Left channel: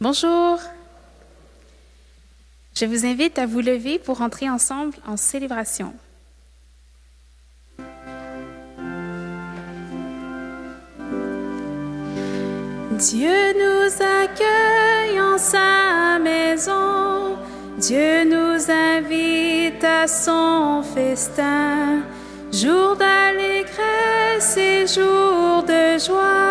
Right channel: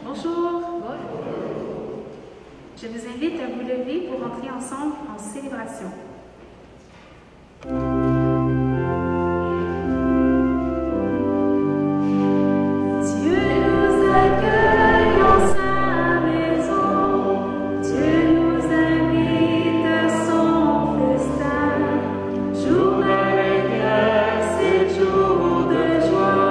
Bonjour. Je vous invite à vous lever pour entrer ensemble en célébration. Dieu nous accueille en sa maison, Dieu nous invite à son festin, jour d'allégresse et jour de joie.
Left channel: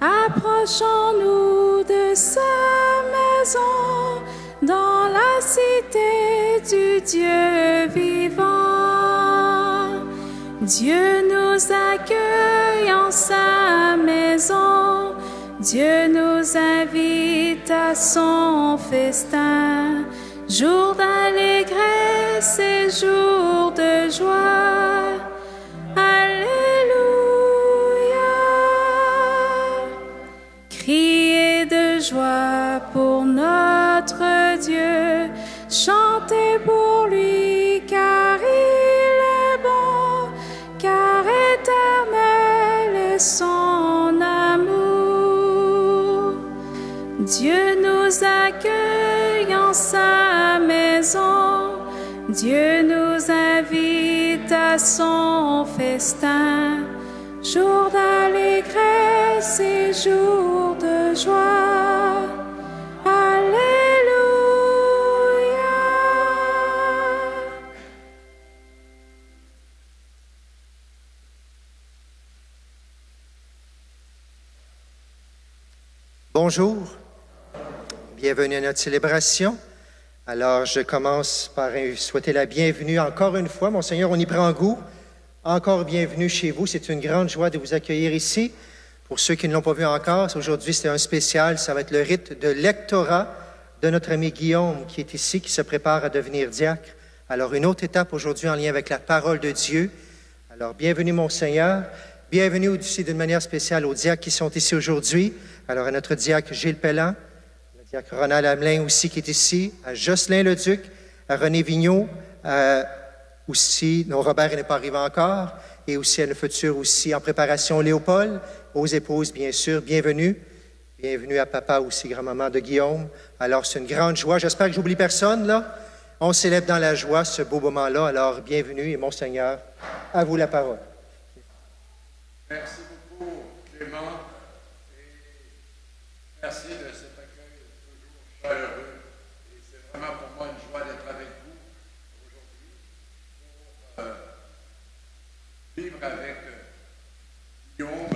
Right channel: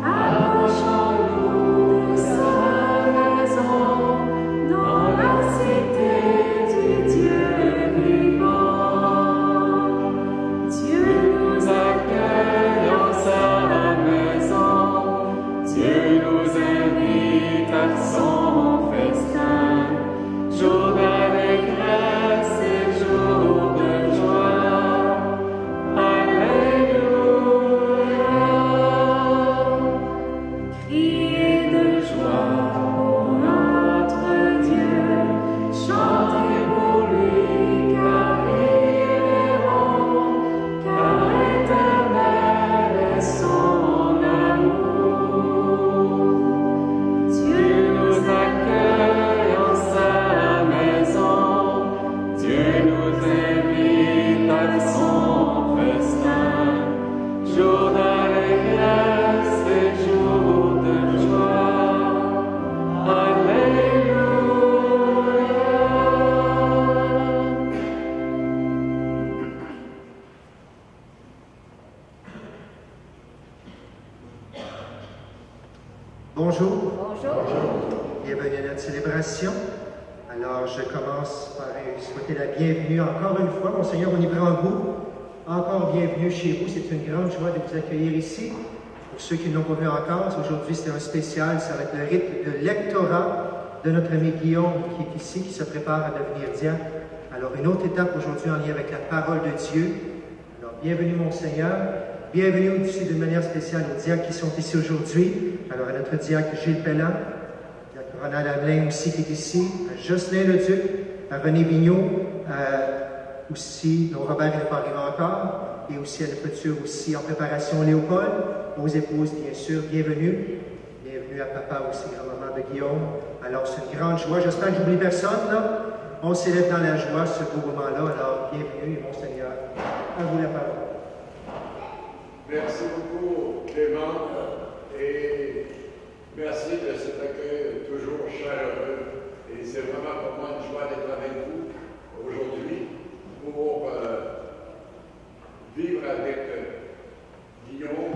Approchons-nous de sa maison, dans la cité du Dieu vivant. Dieu nous accueille en sa maison, Dieu nous invite à son festin, jour d'allégresse et jour de joie. Criez de joie pour notre Dieu, chantez pour lui, car il est bon, car éternel est son amour. Dieu nous accueille en sa maison, Dieu nous invite à son festin, jour d'allégresse et jour de joie. Alléluia. Bonjour. Bienvenue à notre célébration. Alors, je commence par souhaiter la bienvenue encore une fois. Monseigneur, on y prend goût. Encore bienvenue chez vous. C'est une grande joie de vous accueillir ici. Pour ceux qui ne l'ont pas vu encore, aujourd'hui, c'est un spécial. Ça va être le rite de lectorat de notre ami Guillaume qui est ici, qui se prépare à devenir diacre. Alors, une autre étape aujourd'hui en lien avec la parole de Dieu. Alors, bienvenue, Monseigneur. Bienvenue aussi d'une manière spéciale aux diacres qui sont ici aujourd'hui. Alors, à notre diacre Gilles Pellan, diacre Ronald Hamelin aussi qui est ici, à Jocelyn Leduc, à René Vigneault, aussi, dont Robert n'est pas arrivé encore, et aussi à le futur aussi en préparation Léopold, aux épouses, bien sûr, bienvenue. Bienvenue à papa aussi, grand-maman de Guillaume. Alors, c'est une grande joie. J'espère que j'oublie personne, là. On célèbre dans la joie ce beau moment-là. Alors, bienvenue, et Monseigneur, à vous la parole. Merci beaucoup, Clément, et merci de cet accueil toujours chaleureux. Et c'est vraiment pour moi une joie d'être avec vous aujourd'hui pour vivre avec Guillaume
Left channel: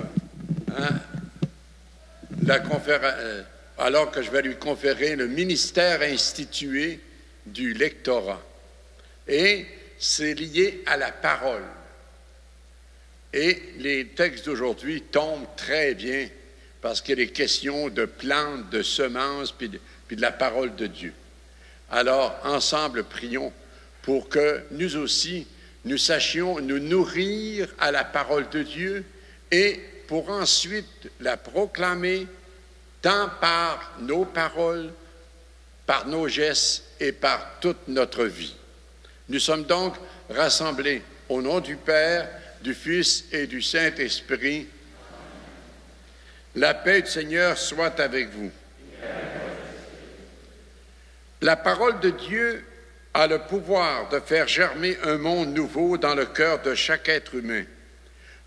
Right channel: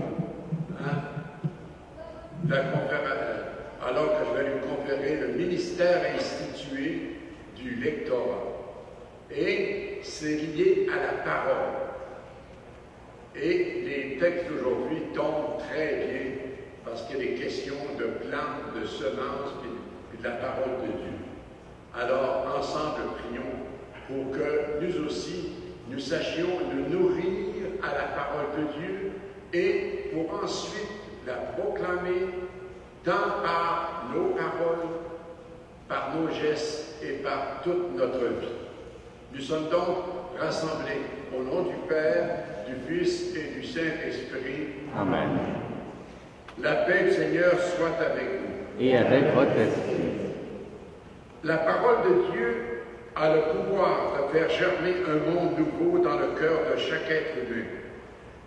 alors que je vais lui conférer le ministère institué du lectorat. Et c'est lié à la parole. Et les textes d'aujourd'hui tombent très bien parce qu'il est question de plantes, de semences, puis de la parole de Dieu. Alors, ensemble, prions pour que nous aussi, nous sachions nous nourrir à la parole de Dieu et pour ensuite la proclamer tant par nos paroles, par nos gestes et par toute notre vie. Nous sommes donc rassemblés au nom du Père, du Fils et du Saint-Esprit. Amen. La paix du Seigneur soit avec vous. Et avec votre esprit. La parole de Dieu a le pouvoir de faire germer un monde nouveau dans le cœur de chaque être humain.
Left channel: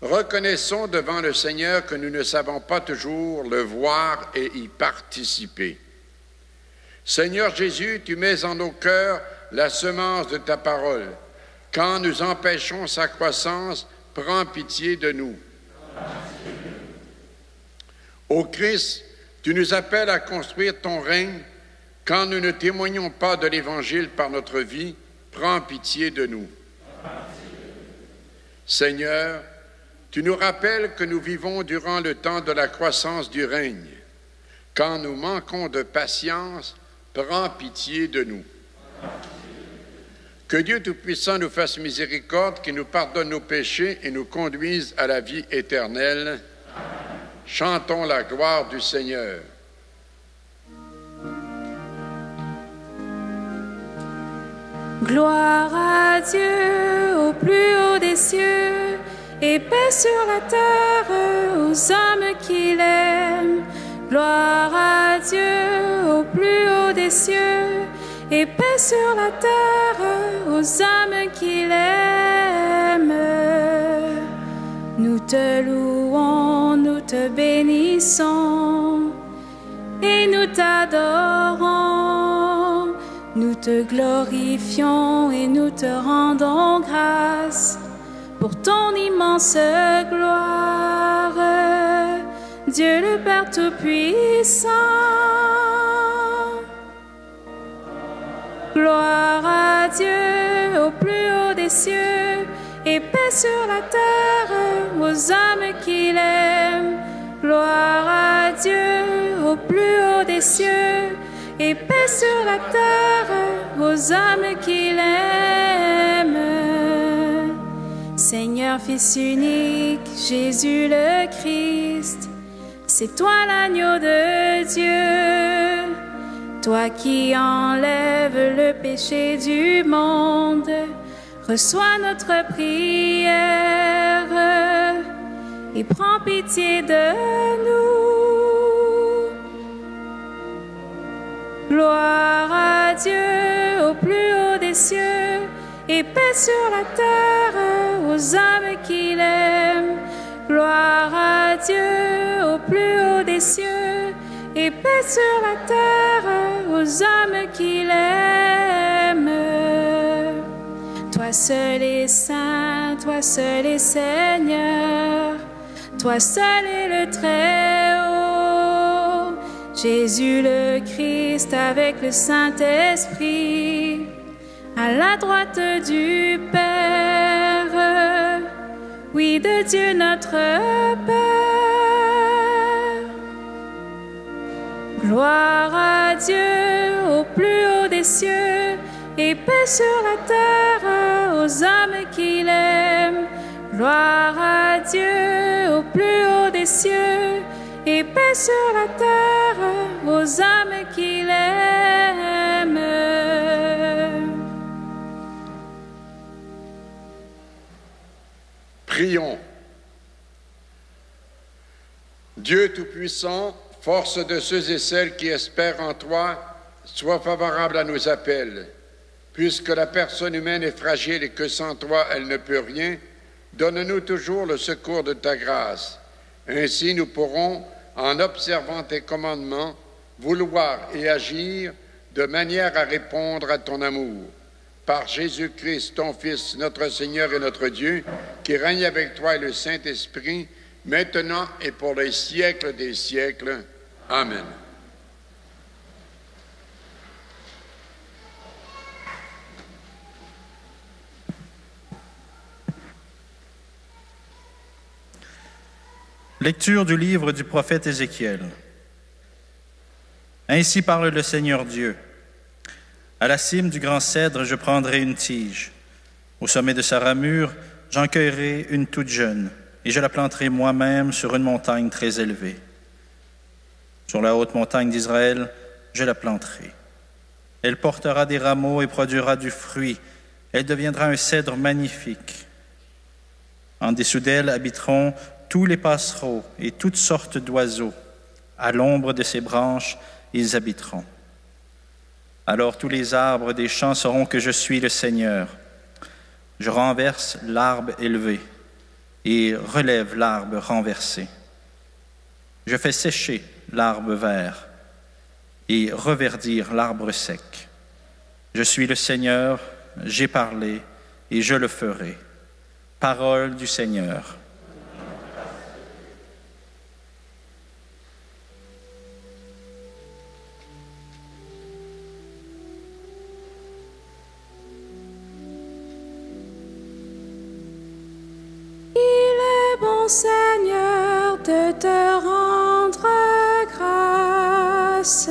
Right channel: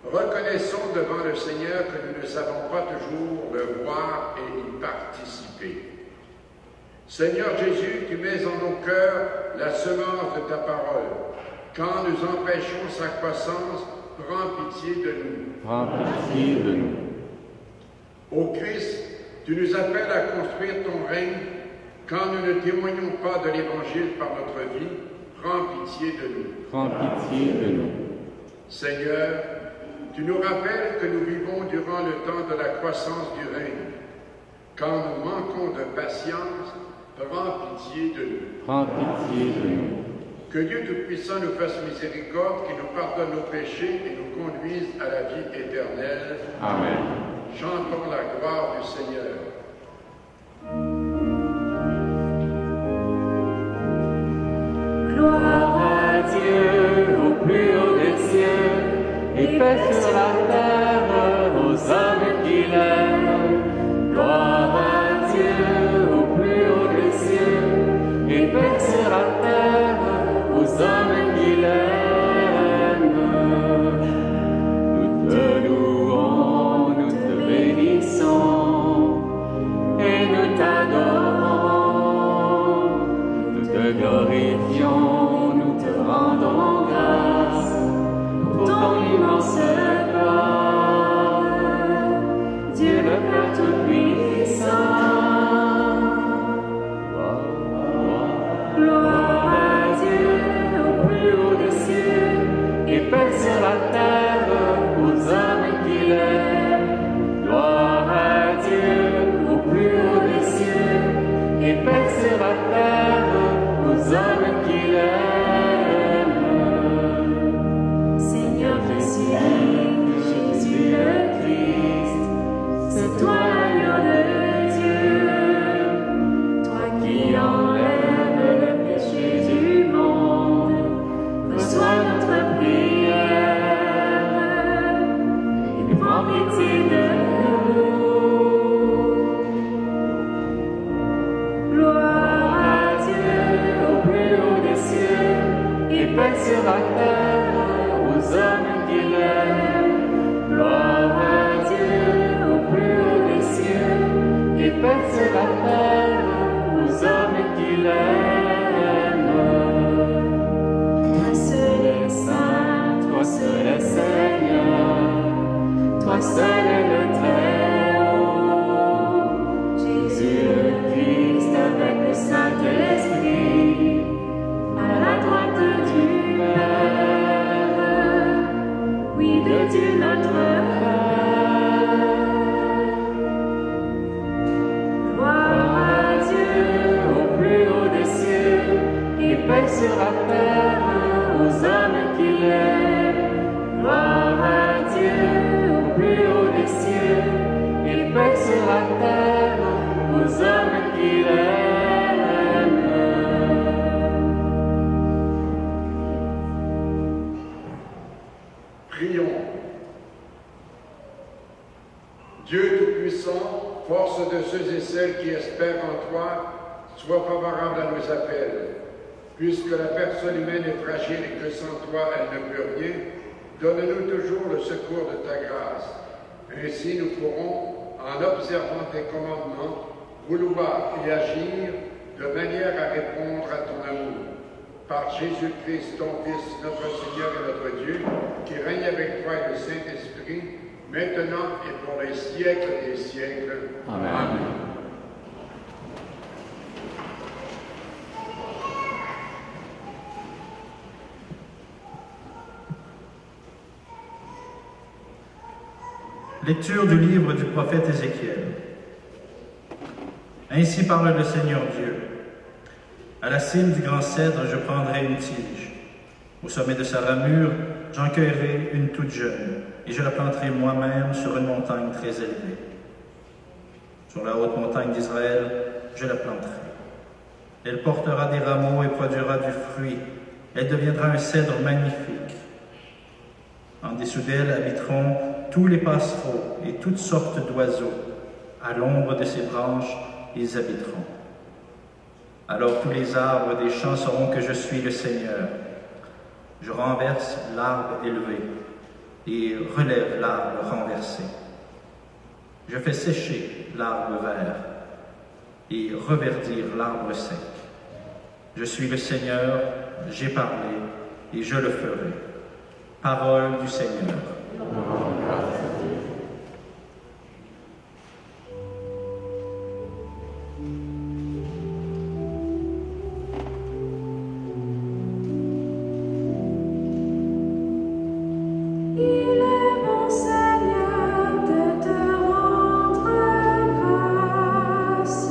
Reconnaissons devant le Seigneur que nous ne savons pas toujours le voir et y participer. Seigneur Jésus, tu mets en nos cœurs la semence de ta parole. Quand nous empêchons sa croissance, prends pitié de nous. Prends pitié de nous. Ô Christ, tu nous appelles à construire ton règne. Quand nous ne témoignons pas de l'Évangile par notre vie, prends pitié de nous. Prends pitié de nous. Seigneur, tu nous rappelles que nous vivons durant le temps de la croissance du règne. Quand nous manquons de patience, prends pitié de nous. Prends pitié de nous. Que Dieu Tout-Puissant nous fasse miséricorde, qu'il nous pardonne nos péchés et nous conduise à la vie éternelle. Amen. Chantons la gloire du Seigneur. Gloire à à Dieu au plus haut des cieux, et paix sur la terre aux hommes qu'il aime. Gloire à Dieu au plus haut des cieux, et paix sur la terre aux hommes qu'il aime. Nous te louons, nous te bénissons, et nous t'adorons, nous te glorifions et nous te rendons grâce pour ton immense gloire. Dieu le Père Tout-Puissant, gloire à Dieu au plus haut des cieux, et paix sur la terre aux hommes qu'il aime. Gloire à Dieu au plus haut des cieux, et paix sur la terre aux hommes qu'il aime. Seigneur Fils unique, Jésus le Christ, c'est toi l'agneau de Dieu, toi qui enlèves le péché du monde. Reçois notre prière et prends pitié de nous. Gloire à Dieu au plus haut des cieux, et paix sur la terre aux hommes qu'il aime. Gloire à Dieu au plus haut des cieux, et paix sur la terre aux hommes qu'il aime. Toi seul est saint, toi seul est Seigneur, toi seul est le Très-Haut, Jésus le Christ avec le Saint-Esprit, à la droite du Père, oui, de Dieu notre Père. Gloire à Dieu au plus haut des cieux, et paix sur la terre aux hommes qu'il aime. Gloire à Dieu au plus haut des cieux, et paix sur la terre aux hommes qu'il aime. Prions. Dieu Tout-Puissant, force de ceux et celles qui espèrent en toi, sois favorable à nos appels. Puisque la personne humaine est fragile et que sans toi elle ne peut rien, donne-nous toujours le secours de ta grâce. Ainsi nous pourrons, en observant tes commandements, vouloir et agir de manière à répondre à ton amour. Par Jésus-Christ, ton Fils, notre Seigneur et notre Dieu, qui règne avec toi et le Saint-Esprit, maintenant et pour les siècles des siècles. Amen. Amen. Lecture du livre du prophète Ézéchiel. Ainsi parle le Seigneur Dieu. À la cime du grand cèdre, je prendrai une tige. Au sommet de sa ramure, j'en cueillerai une toute jeune, et je la planterai moi-même sur une montagne très élevée. Sur la haute montagne d'Israël, je la planterai. Elle portera des rameaux et produira du fruit. Elle deviendra un cèdre magnifique. En dessous d'elle habiteront tous les passereaux et toutes sortes d'oiseaux. À l'ombre de ses branches, ils habiteront. Alors tous les arbres des champs sauront que je suis le Seigneur. Je renverse l'arbre élevé et relève l'arbre renversé. Je fais sécher l'arbre vert et reverdir l'arbre sec. Je suis le Seigneur, j'ai parlé et je le ferai. Parole du Seigneur. Il est bon, Seigneur, de te rendre grâce.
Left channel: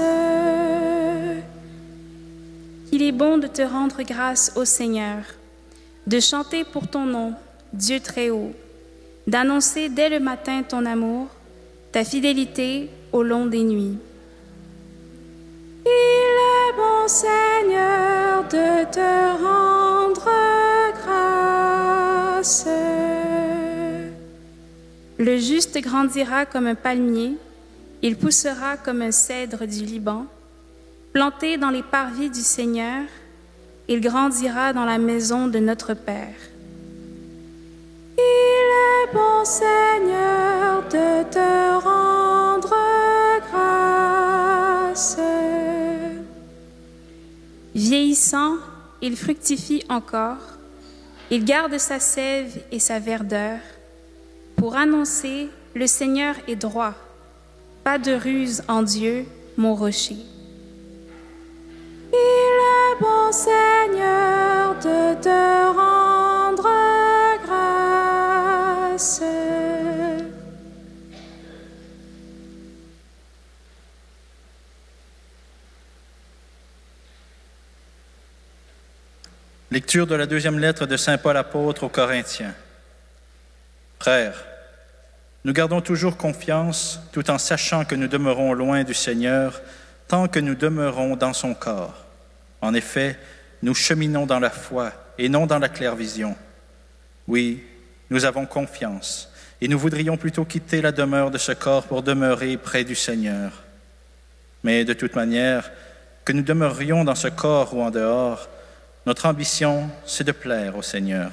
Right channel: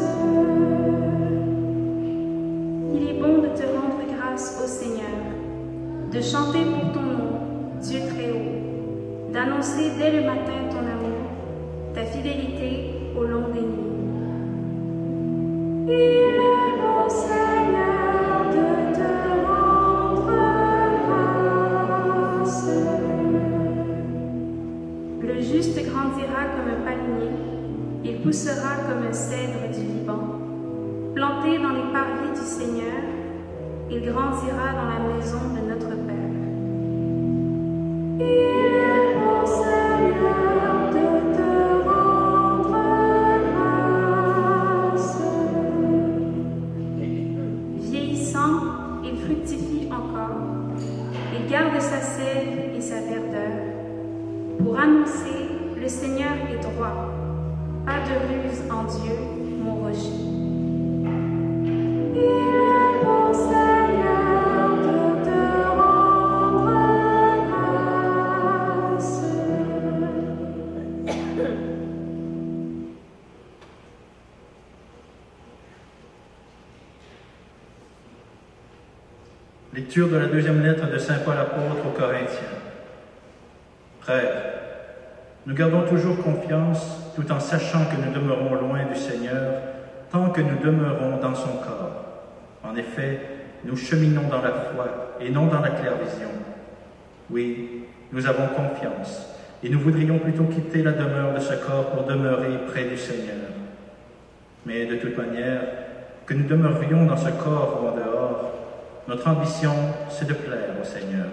Il est bon de te rendre grâce au Seigneur, de chanter pour ton nom, Dieu très haut, d'annoncer dès le matin ton amour, ta fidélité au long des nuits. Il est bon, Seigneur, de te rendre Le juste grandira comme un palmier, il poussera comme un cèdre du Liban. Planté dans les parvis du Seigneur, il grandira dans la maison de notre Père. Il est bon, Seigneur, de te rendre grâce. Vieillissant, il fructifie encore. Il garde sa sève et sa verdeur. Pour annoncer, le Seigneur est droit. Pas de ruse en Dieu, mon rocher. Il est bon, Seigneur, de te rendre grâce. Lecture de la deuxième lettre de saint Paul apôtre aux Corinthiens. Frères, nous gardons toujours confiance tout en sachant que nous demeurons loin du Seigneur tant que nous demeurons dans son corps. En effet, nous cheminons dans la foi et non dans la clairvision. Oui, nous avons confiance et nous voudrions plutôt quitter la demeure de ce corps pour demeurer près du Seigneur. Mais de toute manière, que nous demeurions dans ce corps ou en dehors, notre ambition, c'est de plaire au Seigneur.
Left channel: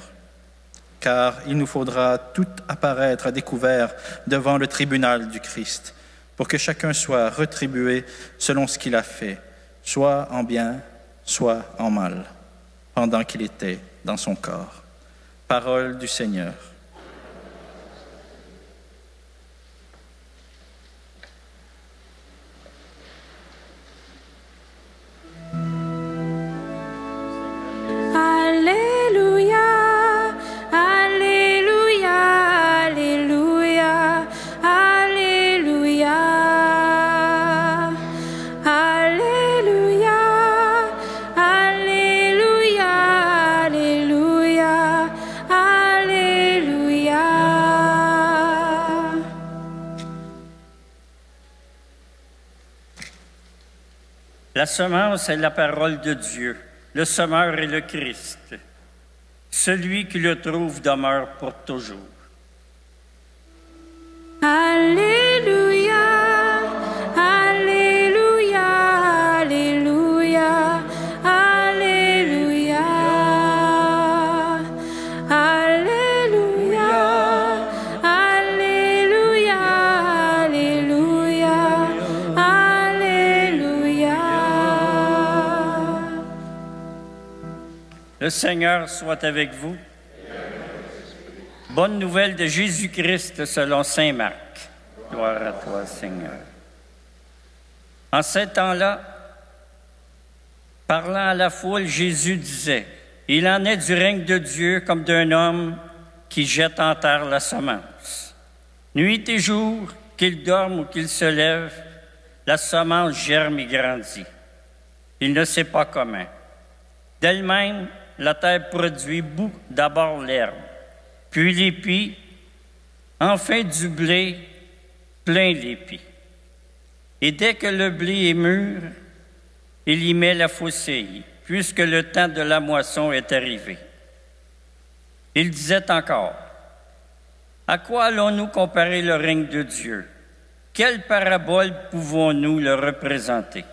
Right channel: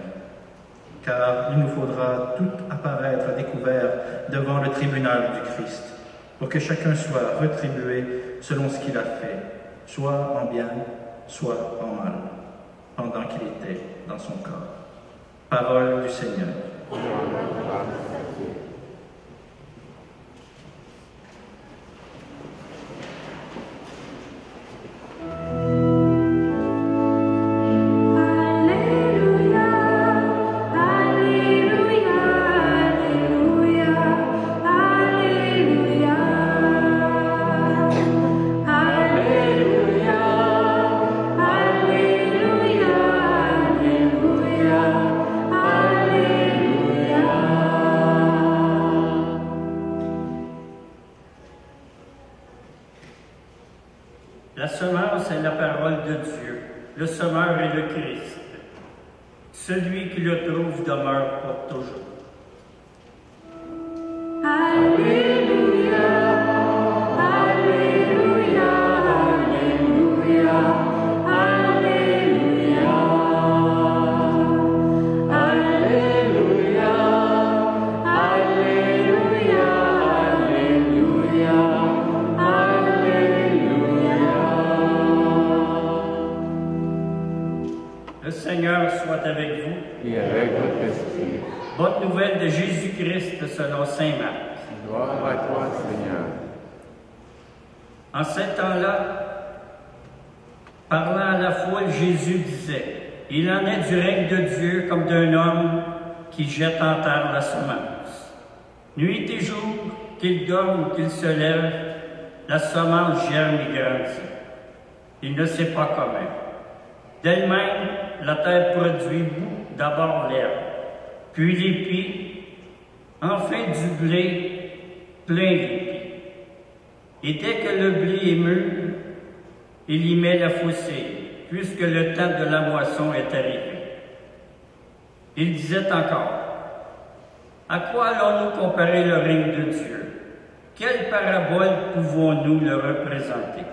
Car il nous faudra tout apparaître à découvert devant le tribunal du Christ, pour que chacun soit retribué selon ce qu'il a fait, soit en bien, soit en mal, pendant qu'il était dans son corps. Parole du Seigneur. La semence est la parole de Dieu, le semeur est le Christ. Celui qui le trouve demeure pour toujours. Alléluia, Alléluia, Alléluia, Alléluia, Alléluia, Alléluia, Alléluia, Alléluia. Le Seigneur soit avec vous. Et avec votre esprit. Bonne nouvelle de Jésus-Christ selon saint Marc. Gloire à toi, Seigneur. En ce temps-là, parlant à la foule, Jésus disait, « Il en est du règne de Dieu comme d'un homme qui jette en terre la semence. Nuit et jour, qu'il dorme ou qu'il se lève, la semence germe et grandit. Il ne sait pas comment. D'elle-même, la terre produit bout, d'abord l'herbe, puis l'épi, enfin du blé, plein l'épi. Et dès que le blé est mûr, il y met la faucille, puisque le temps de la moisson est arrivé. Il disait encore, « À quoi allons-nous comparer le règne de Dieu? Quelle parabole pouvons-nous le représenter?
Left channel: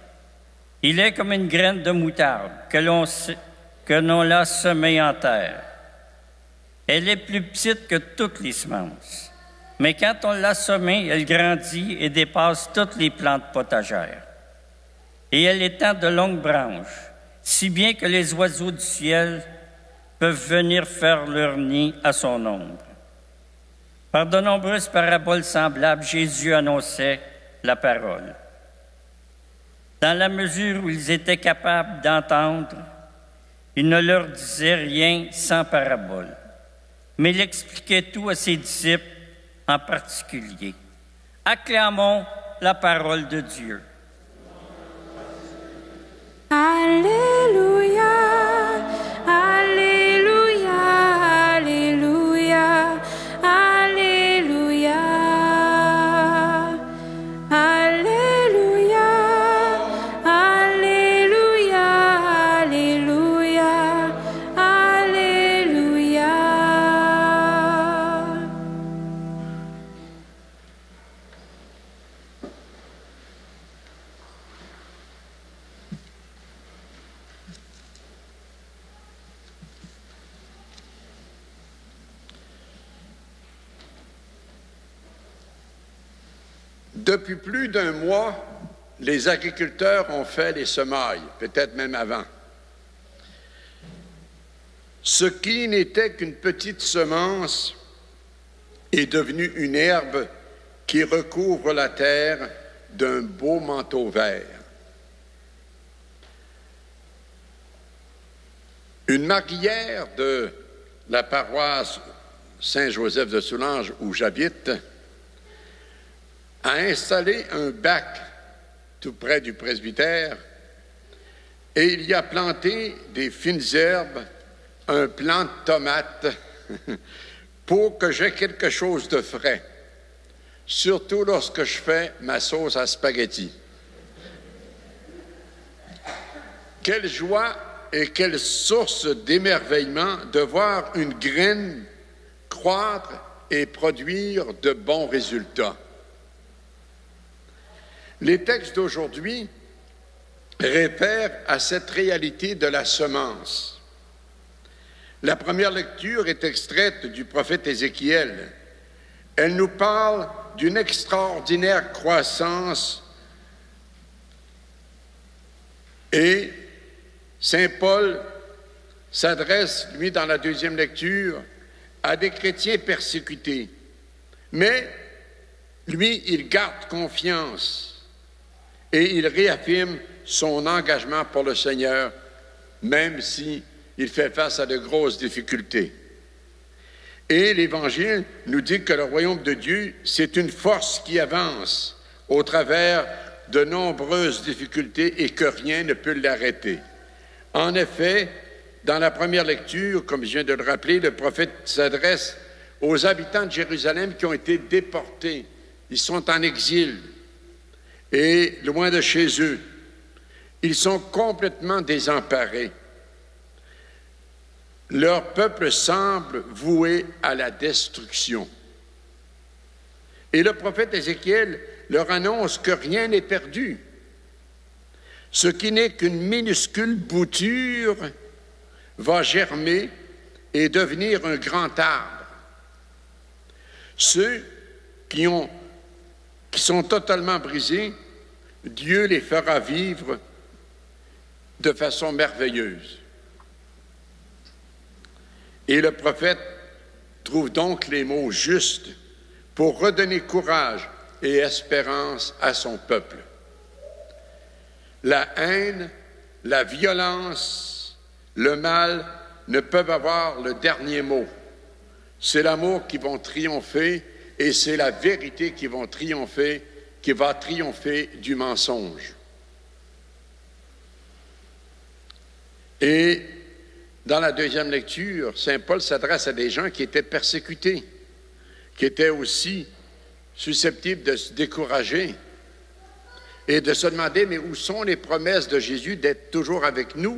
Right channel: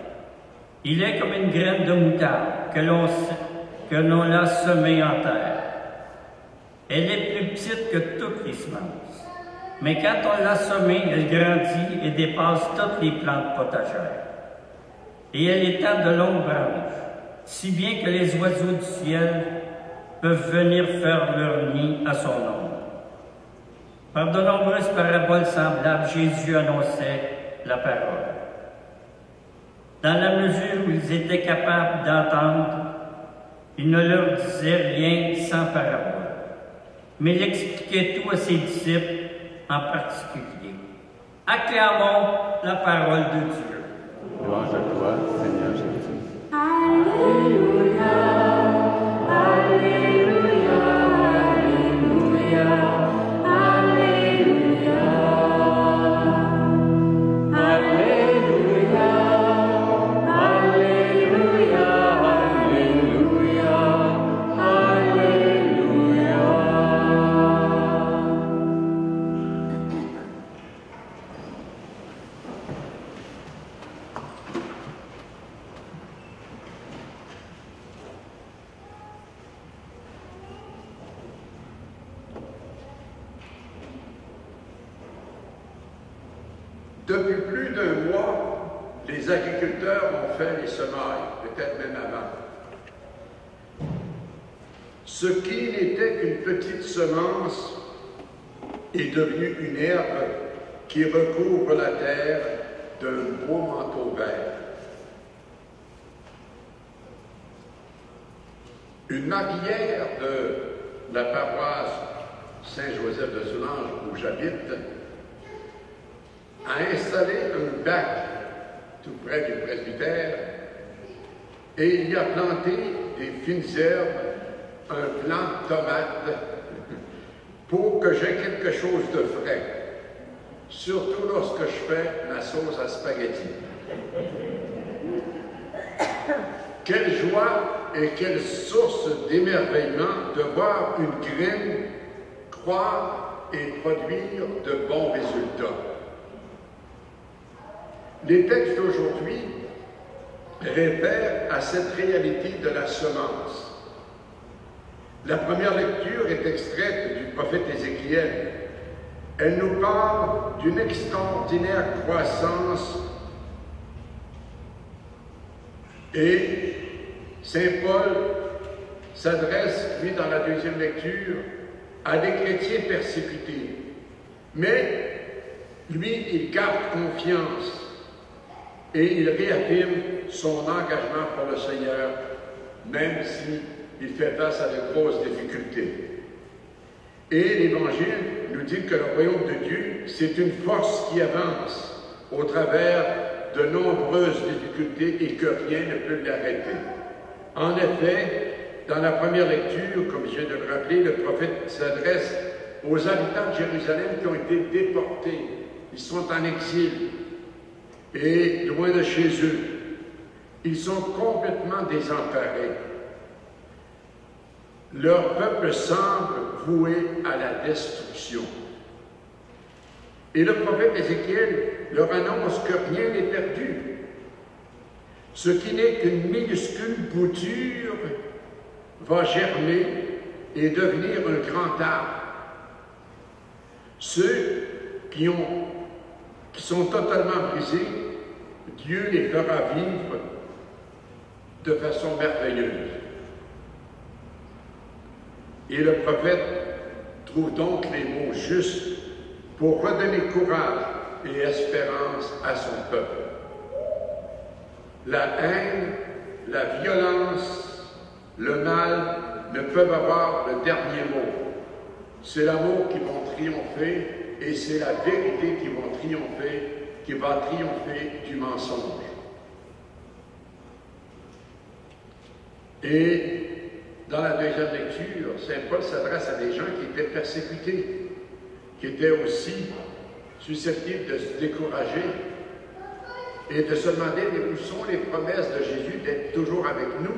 Il est comme une graine de moutarde que l'on l'a semée en terre. Elle est plus petite que toutes les semences. Mais quand on l'a semée, elle grandit et dépasse toutes les plantes potagères. Et elle étend de longues branches, si bien que les oiseaux du ciel peuvent venir faire leur nid à son ombre. » Par de nombreuses paraboles semblables, Jésus annonçait la parole. Dans la mesure où ils étaient capables d'entendre, il ne leur disait rien sans parabole, mais il expliquait tout à ses disciples en particulier. Acclamons la parole de Dieu. Gloire à toi, Seigneur Jésus. Alléluia, Alléluia, Alléluia, Alléluia, Alléluia, Alléluia, Alléluia, Alléluia. Depuis plus d'un mois, les agriculteurs ont fait les semailles, peut-être même avant. Ce qui n'était qu'une petite semence est devenu une herbe qui recouvre la terre d'un beau manteau vert. Une marguillière de la paroisse Saint-Joseph de Soulanges, où j'habite, a installé un bac tout près du presbytère et il y a planté des fines herbes, un plant de tomates pour que j'aie quelque chose de frais, surtout lorsque je fais ma sauce à spaghetti. Quelle joie et quelle source d'émerveillement de voir une graine croître et produire de bons résultats. Les textes d'aujourd'hui réfèrent à cette réalité de la semence. La première lecture est extraite du prophète Ézéchiel. Elle nous parle d'une extraordinaire croissance et Saint Paul s'adresse, lui, dans la deuxième lecture, à des chrétiens persécutés. Mais, lui, il garde confiance et il réaffirme son engagement pour le Seigneur, même s'il fait face à de grosses difficultés. Et l'Évangile nous dit que le royaume de Dieu, c'est une force qui avance au travers de nombreuses difficultés et que rien ne peut l'arrêter. En effet, dans la première lecture, comme je viens de le rappeler, le prophète s'adresse aux habitants de Jérusalem qui ont été déportés. Ils sont en exil et loin de chez eux. Ils sont complètement désemparés. Leur peuple semble voué à la destruction. Et le prophète Ézéchiel leur annonce que rien n'est perdu. Ce qui n'est qu'une minuscule bouture va germer et devenir un grand arbre. Ceux qui sont totalement brisés, Dieu les fera vivre de façon merveilleuse. Et le prophète trouve donc les mots justes pour redonner courage et espérance à son peuple. La haine, la violence, le mal ne peuvent avoir le dernier mot. C'est l'amour qui va triompher et c'est la vérité qui va triompher du mensonge. Et dans la deuxième lecture, saint Paul s'adresse à des gens qui étaient persécutés, qui étaient aussi susceptibles de se décourager et de se demander, mais où sont les promesses de Jésus d'être toujours avec nous?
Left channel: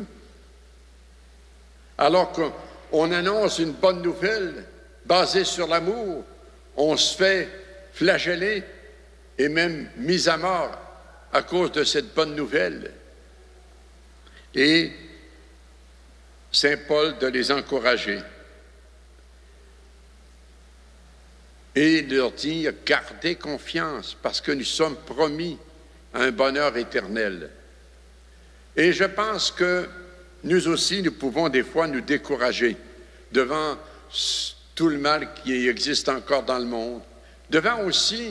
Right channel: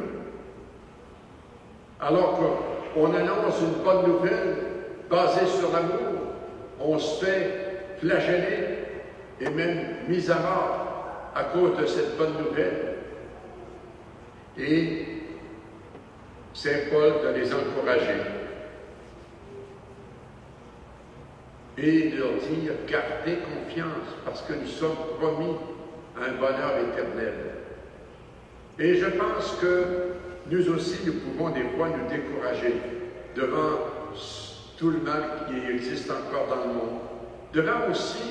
Alors qu'on annonce une bonne nouvelle basée sur l'amour, on se fait flageller et même mis à mort à cause de cette bonne nouvelle. Et saint Paul de les encourager et de leur dire « Gardez confiance parce que nous sommes promis un bonheur éternel. » Et je pense que nous aussi, nous pouvons des fois nous décourager devant tout le mal qui existe encore dans le monde, devant aussi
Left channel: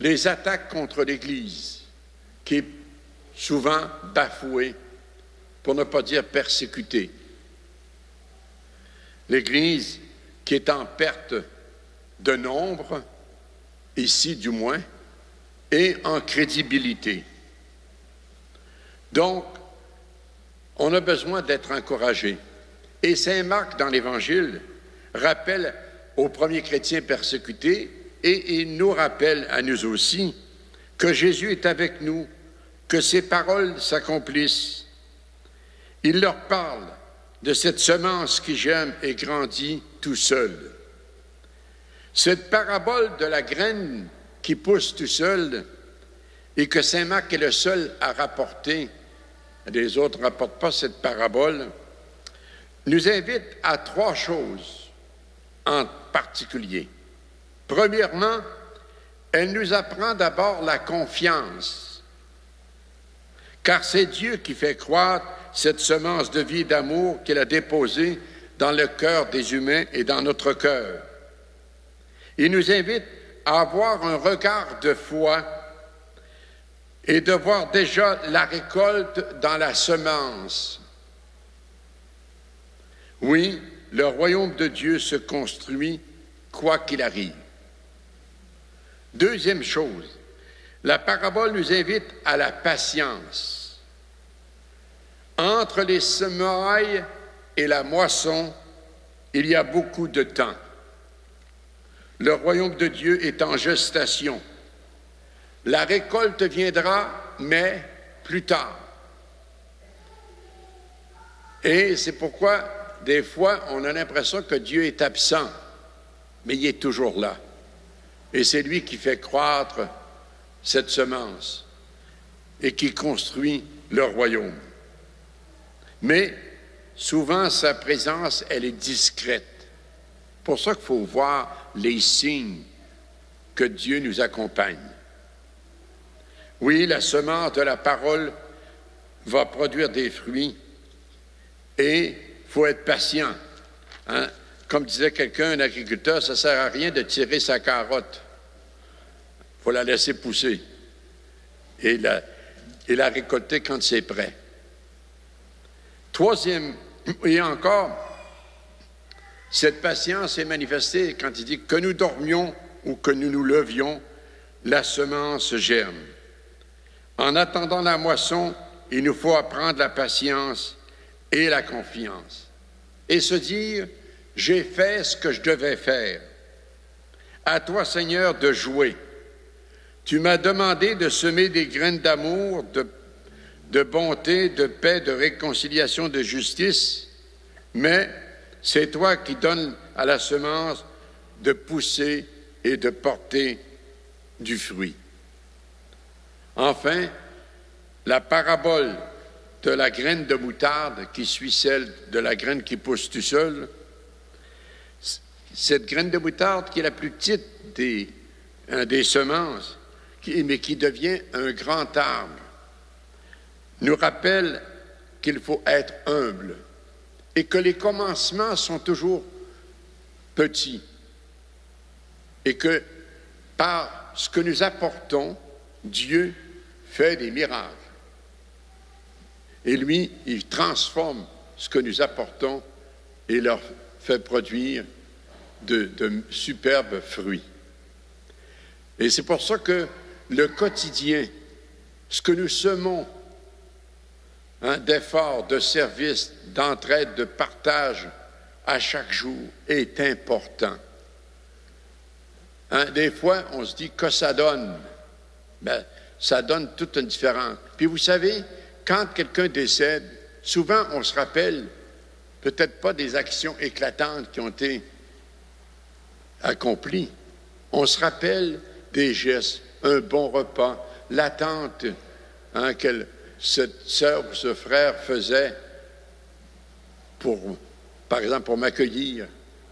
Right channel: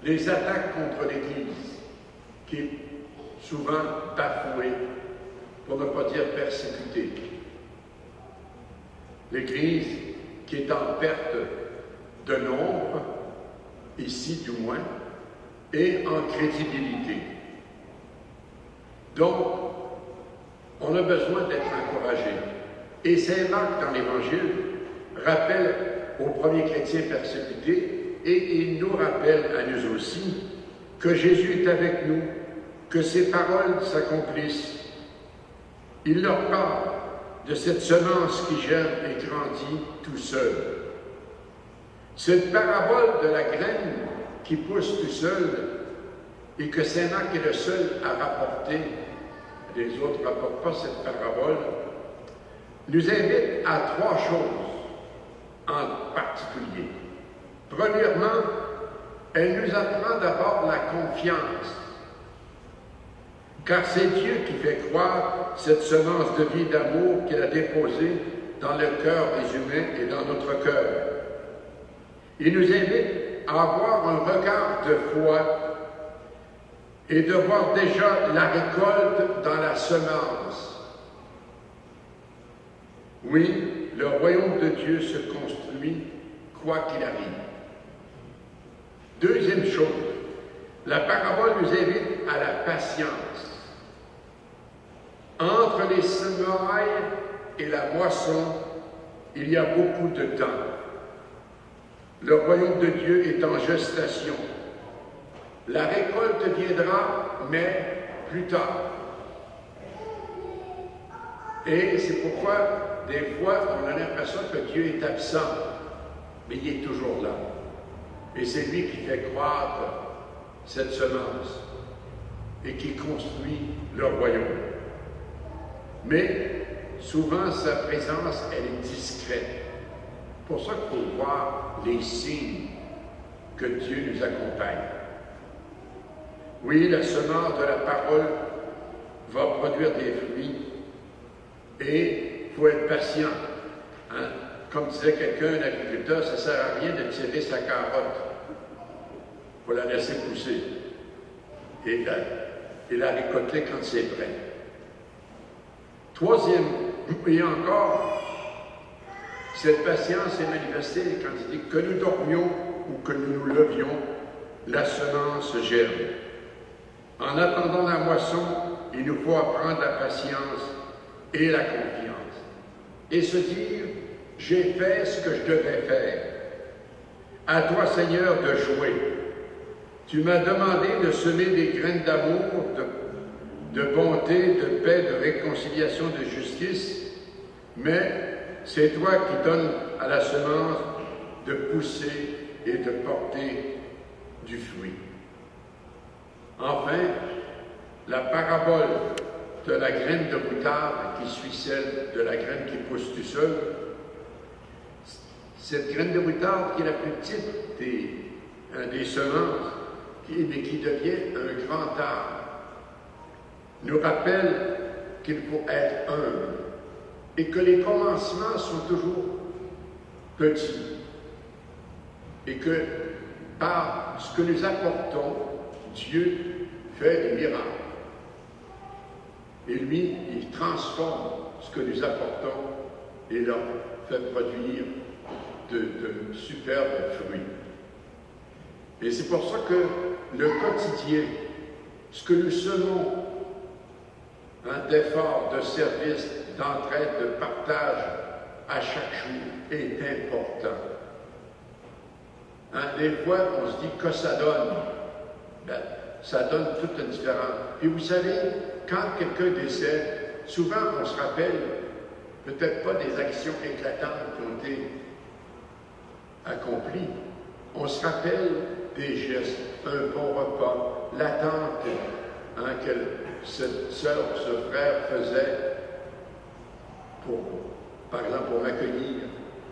les attaques contre l'Église, qui est souvent bafouée, pour ne pas dire persécutée. L'Église qui est en perte de nombre, ici du moins, et en crédibilité. Donc, on a besoin d'être encouragé. Et saint Marc, dans l'Évangile, rappelle aux premiers chrétiens persécutés, et il nous rappelle à nous aussi, que Jésus est avec nous, que ses paroles s'accomplissent. Il leur parle de cette semence qui germe et grandit tout seul. Cette parabole de la graine qui pousse tout seul et que saint Marc est le seul à rapporter, les autres ne rapportent pas cette parabole, nous invite à trois choses en particulier. Premièrement, Elle nous apprend d'abord la confiance, car c'est Dieu qui fait croître cette semence de vie et d'amour qu'il a déposée dans le cœur des humains et dans notre cœur. Il nous invite à avoir un regard de foi et de voir déjà la récolte dans la semence. Oui, le royaume de Dieu se construit quoi qu'il arrive. Deuxième chose, la parabole nous invite à la patience. Entre les semailles et la moisson, il y a beaucoup de temps. Le royaume de Dieu est en gestation. La récolte viendra, mais plus tard. Et c'est pourquoi, des fois, on a l'impression que Dieu est absent, mais il est toujours là. Et c'est lui qui fait croître cette semence et qui construit le royaume. Mais souvent, sa présence, elle est discrète. C'est pour ça qu'il faut voir les signes que Dieu nous accompagne. Oui, la semence de la parole va produire des fruits et il faut être patient. Hein? Comme disait quelqu'un, un agriculteur, ça ne sert à rien de tirer sa carotte. Il faut la laisser pousser et la récolter quand c'est prêt. Troisième, et encore, cette patience est manifestée quand il dit que nous dormions ou que nous nous levions, la semence germe. En attendant la moisson, il nous faut apprendre la patience et la confiance. Et se dire, j'ai fait ce que je devais faire. À toi, Seigneur, de jouer. Tu m'as demandé de semer des graines d'amour, de bonté, de paix, de réconciliation, de justice, mais c'est toi qui donnes à la semence de pousser et de porter du fruit. Enfin, la parabole de la graine de moutarde qui suit celle de la graine qui pousse tout seul, cette graine de moutarde qui est la plus petite des semences, mais qui devient un grand arbre, nous rappelle qu'il faut être humble et que les commencements sont toujours petits et que par ce que nous apportons, Dieu fait des miracles. Et lui, il transforme ce que nous apportons et leur fait produire de superbes fruits. Et c'est pour ça que le quotidien, ce que nous semons, d'efforts, de service, d'entraide, de partage à chaque jour est important. Des fois, on se dit que ça donne. Ben, ça donne toute une différence. Puis vous savez, quand quelqu'un décède, souvent on se rappelle peut-être pas des actions éclatantes qui ont été accomplies. On se rappelle des gestes, un bon repas, l'attente que cette sœur ou ce frère faisait par exemple, pour m'accueillir.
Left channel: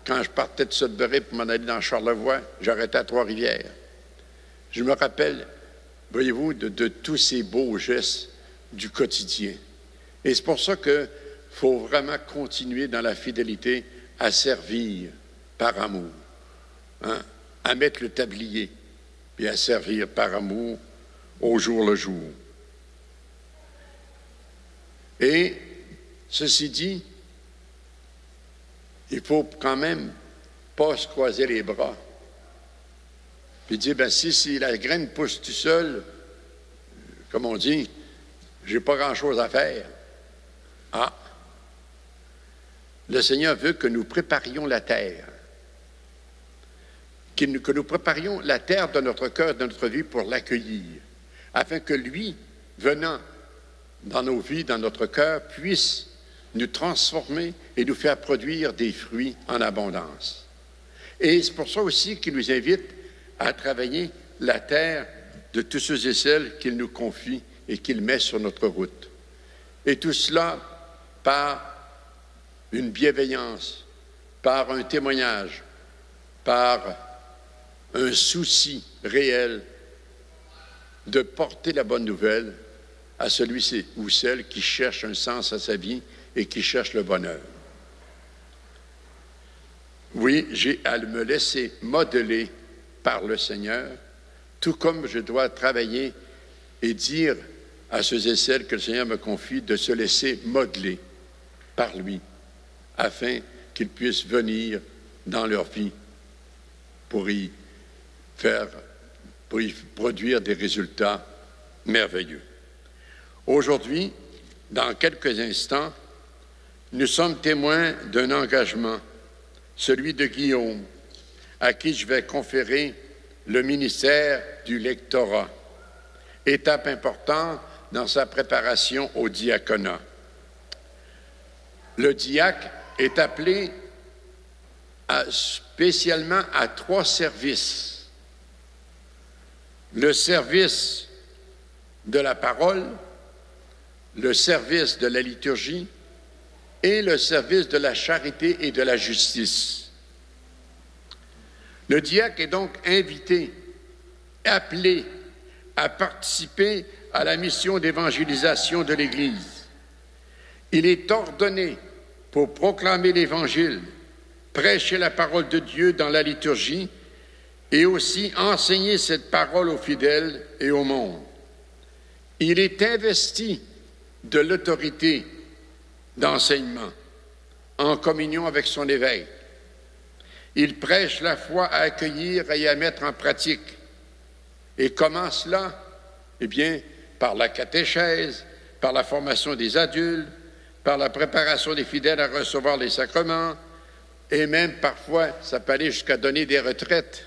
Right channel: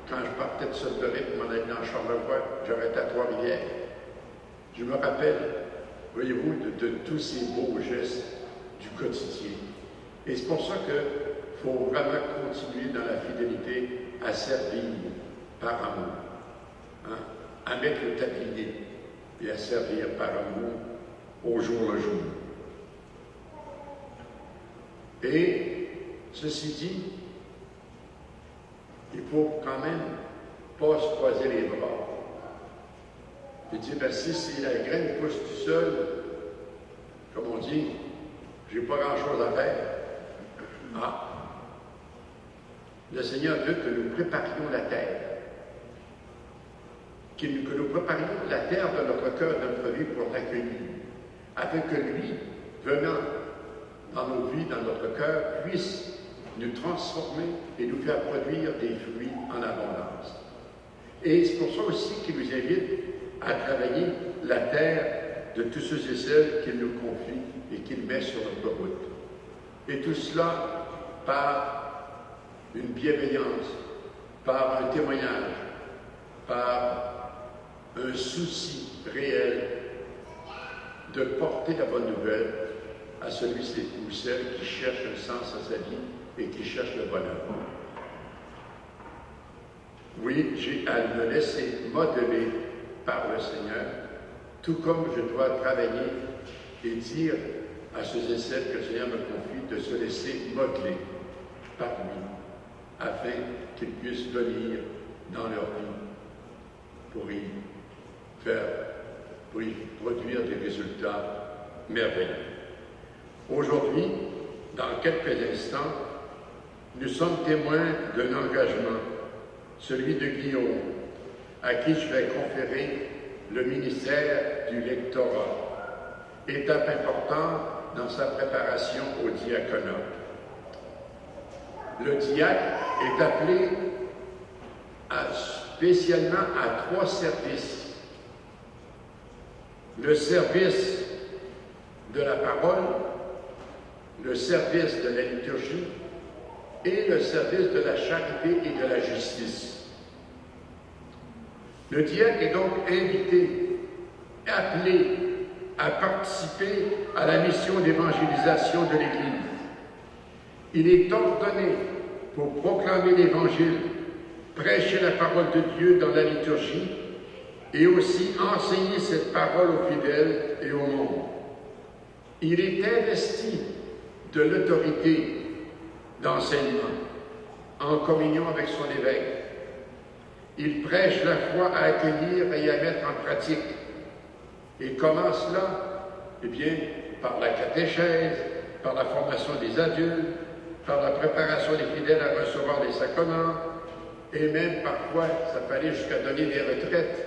Quand je partais de Sudbury pour m'en aller dans Charlevoix, j'arrêtais à Trois-Rivières. Je me rappelle, voyez-vous, de tous ces beaux gestes du quotidien. Et c'est pour ça qu'il faut vraiment continuer dans la fidélité à servir par amour, à mettre le tablier et à servir par amour au jour le jour. Et ceci dit, il faut quand même pas se croiser les bras. Puis dire, ben si la graine pousse tout seul, comme on dit, j'ai pas grand-chose à faire. Le Seigneur veut que nous préparions la terre. Que nous préparions la terre de notre cœur, de notre vie pour l'accueillir, afin que lui, venant dans nos vies, dans notre cœur, puisse nous transformer et nous faire produire des fruits en abondance. Et c'est pour ça aussi qu'il nous invite à travailler la terre de tous ceux et celles qu'il nous confie et qu'il met sur notre route. Et tout cela par une bienveillance, par un témoignage, par un souci réel de porter la bonne nouvelle à celui ou celle qui cherche un sens à sa vie et qui cherche le bonheur. Oui, j'ai à me laisser modeler par le Seigneur, tout comme je dois travailler et dire à ceux et celles que le Seigneur me confie de se laisser modeler par lui, afin qu'ils puissent venir dans leur vie pour y produire des résultats merveilleux. Aujourd'hui, dans quelques instants, nous sommes témoins d'un engagement, celui de Guillaume, à qui je vais conférer le ministère du lectorat, étape importante dans sa préparation au diaconat. Le diacre est appelé spécialement à 3 services. Le service de la parole, le service de la liturgie et le service de la charité et de la justice. Le diacre est donc invité, appelé à participer à la mission d'évangélisation de l'Église. Il est ordonné pour proclamer l'Évangile, prêcher la parole de Dieu dans la liturgie et aussi enseigner cette parole aux fidèles et au monde. Il est investi de l'autorité d'enseignement en communion avec son évêque. Il prêche la foi à accueillir et à mettre en pratique. Et comment cela? Eh bien, par la catéchèse, par la formation des adultes, par la préparation des fidèles à recevoir les sacrements, et même parfois, ça peut aller jusqu'à donner des retraites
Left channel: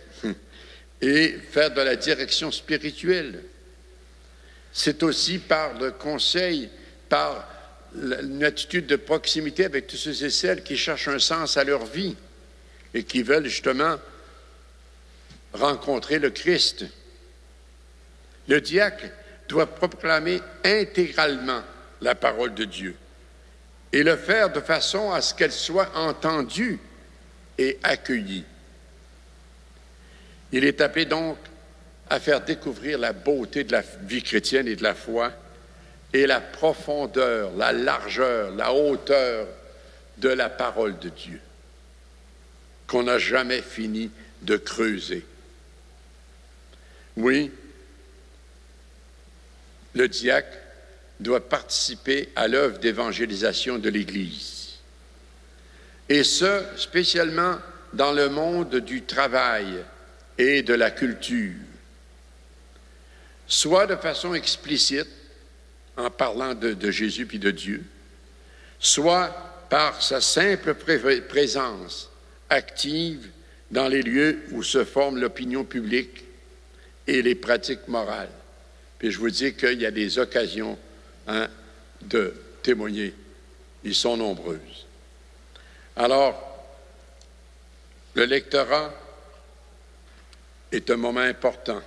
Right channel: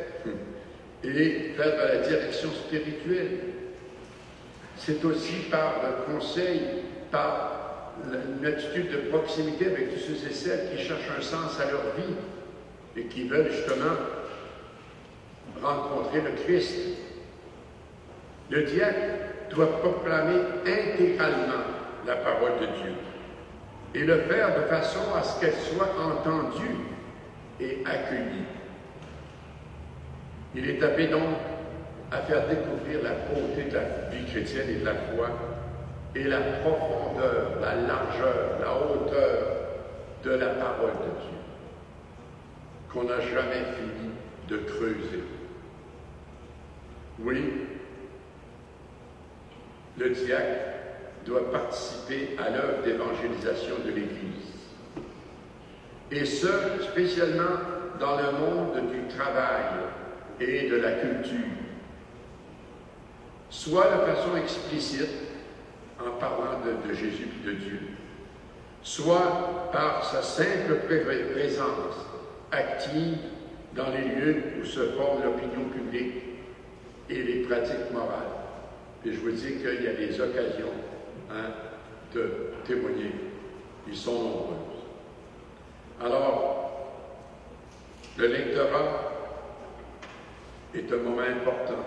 et faire de la direction spirituelle. C'est aussi par le conseil, par une attitude de proximité avec tous ceux et celles qui cherchent un sens à leur vie et qui veulent justement rencontrer le Christ. Le diacre doit proclamer intégralement la parole de Dieu et le faire de façon à ce qu'elle soit entendue et accueillie. Il est appelé donc à faire découvrir la beauté de la vie chrétienne et de la foi et la profondeur, la largeur, la hauteur de la parole de Dieu qu'on n'a jamais fini de creuser. Oui, le diacre doit participer à l'œuvre d'évangélisation de l'Église, et ce, spécialement dans le monde du travail et de la culture, soit de façon explicite, en parlant de Jésus puis de Dieu, soit par sa simple présence active dans les lieux où se forme l'opinion publique et les pratiques morales. Puis je vous dis qu'il y a des occasions de témoigner. Ils sont nombreuses. Alors, le lectorat est un moment important.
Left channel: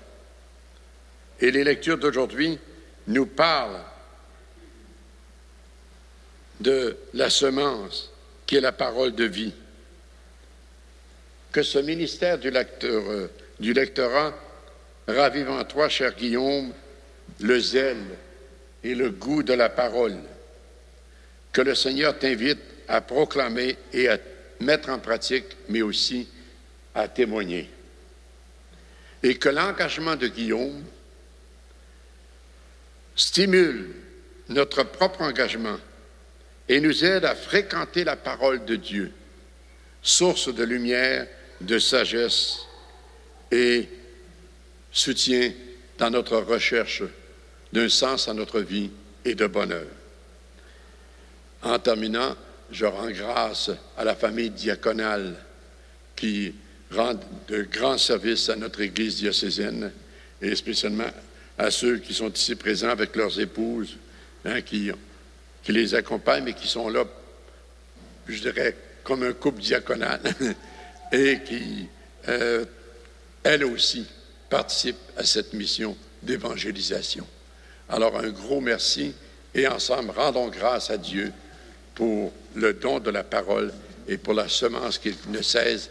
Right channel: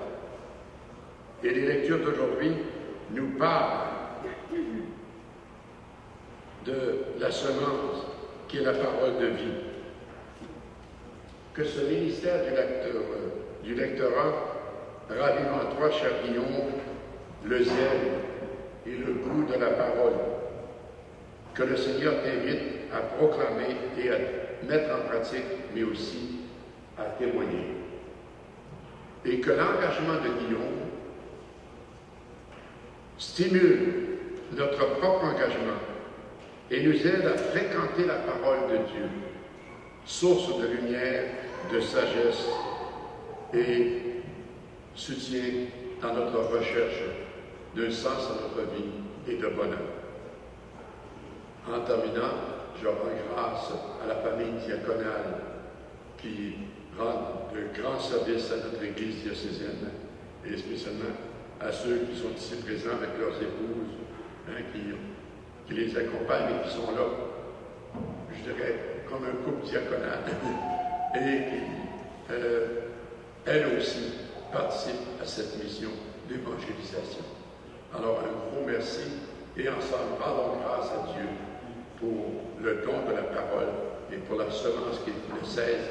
Et les lectures d'aujourd'hui nous parlent de la semence qui est la parole de vie. Que ce ministère du lectorat ravive en toi, cher Guillaume, le zèle et le goût de la parole. Que le Seigneur t'invite à proclamer et à mettre en pratique, mais aussi à témoigner. Et que l'engagement de Guillaume stimule notre propre engagement et nous aide à fréquenter la parole de Dieu, source de lumière, de sagesse et soutien dans notre recherche d'un sens à notre vie et de bonheur. En terminant, je rends grâce à la famille diaconale qui rend de grands services à notre Église diocésaine et spécialement à ceux qui sont ici présents avec leurs épouses, qui les accompagnent mais qui sont là, je dirais, comme un couple diaconal et qui, elles aussi, participent à cette mission d'évangélisation. Alors, un gros merci et ensemble, rendons grâce à Dieu pour le don de la parole et pour la semence qu'il ne cesse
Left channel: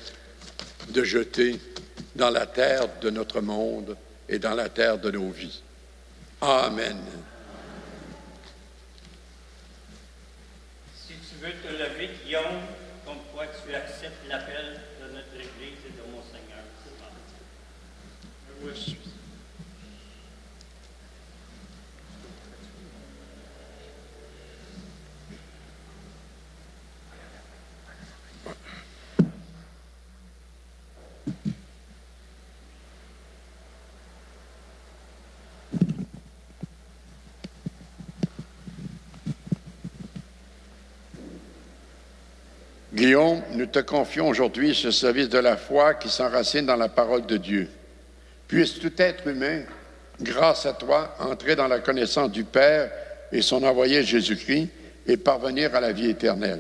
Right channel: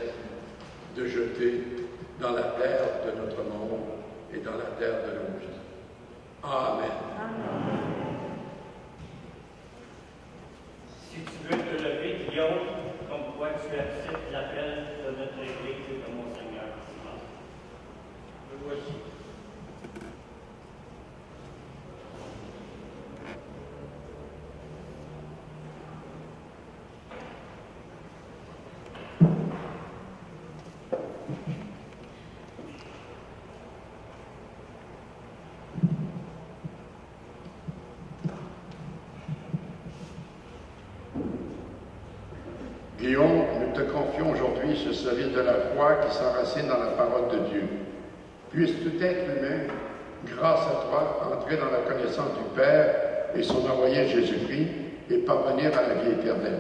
de jeter dans la terre de notre monde et dans la terre de nos vies. Amen. Si tu veux te lever, Guillaume, comme quoi tu acceptes l'appel de notre Église et de mon Seigneur. Voici. Guillaume, nous te confions aujourd'hui ce service de la foi qui s'enracine dans la parole de Dieu. Puisse tout être humain, grâce à toi, entrer dans la connaissance du Père et son envoyé Jésus-Christ et parvenir à la vie éternelle.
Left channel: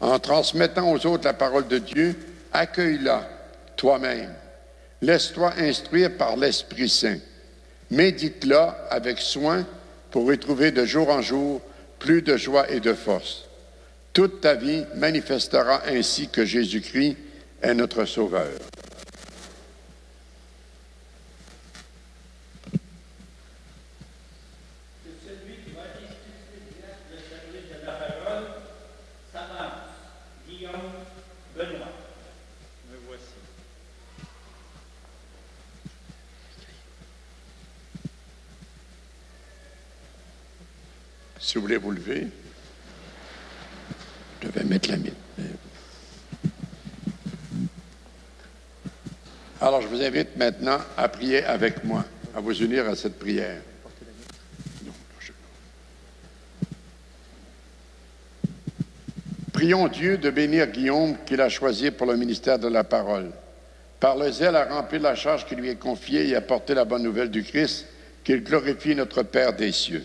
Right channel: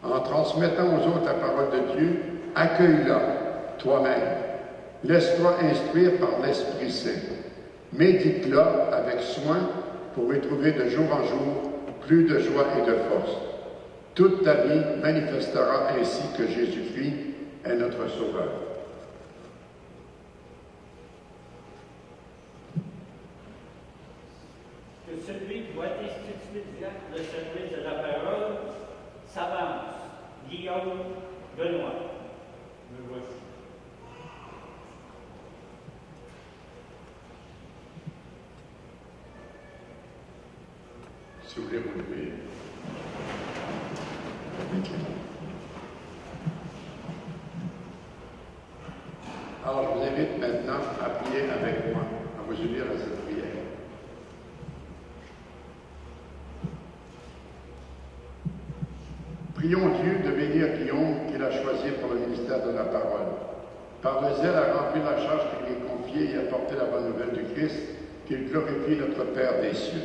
En transmettant aux autres la parole de Dieu, accueille-la toi-même. Laisse-toi instruire par l'Esprit Saint. Médite-la avec soin pour y trouver de jour en jour plus de joie et de force. Toute ta vie manifestera ainsi que Jésus-Christ est notre Sauveur. Que celui qui va instituer le service de la parole s'avance. Guillaume Benoît. Me voici. Si vous voulez vous lever, je vais mettre la main. Alors, je vous invite maintenant à prier avec moi, à vous unir à cette prière. Prions Dieu de bénir Guillaume qu'il a choisi pour le ministère de la parole. Par le zèle à remplir la charge qui lui est confiée et à porter la bonne nouvelle du Christ, qu'il glorifie notre Père des cieux.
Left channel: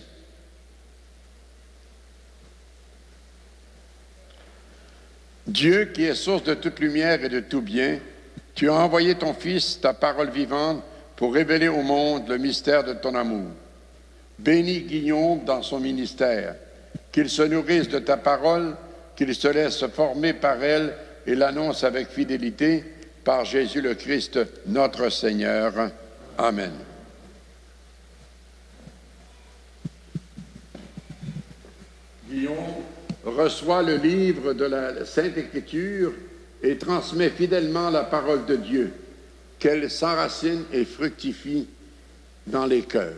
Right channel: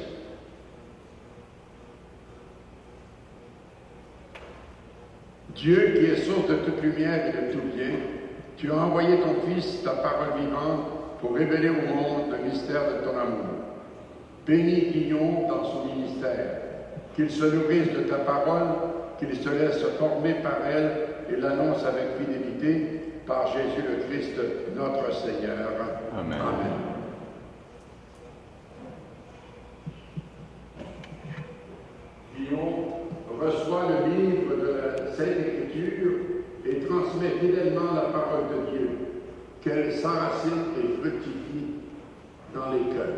Dieu, qui est source de toute lumière et de tout bien, tu as envoyé ton Fils, ta parole vivante, pour révéler au monde le mystère de ton amour. Bénis Guillaume dans son ministère, qu'il se nourrisse de ta parole, qu'il se laisse former par elle et l'annonce avec fidélité par Jésus le Christ, notre Seigneur. Amen. Amen. Guillaume reçoit le livre de la Sainte Écriture et transmet fidèlement la parole de Dieu, qu'elle s'enracine et fructifie dans les cœurs.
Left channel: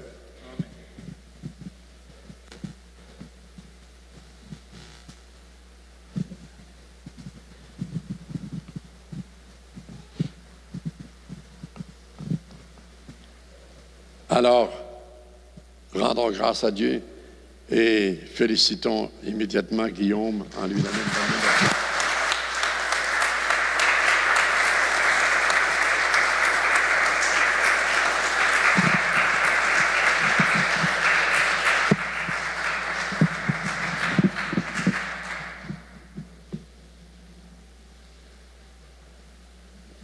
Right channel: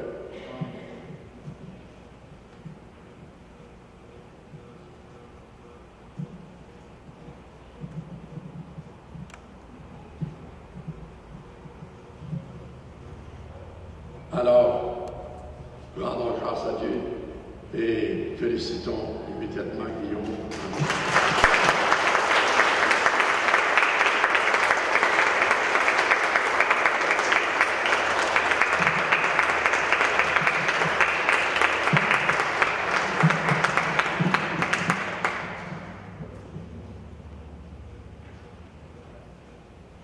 Alors, rendons grâce à Dieu et félicitons immédiatement Guillaume en lui.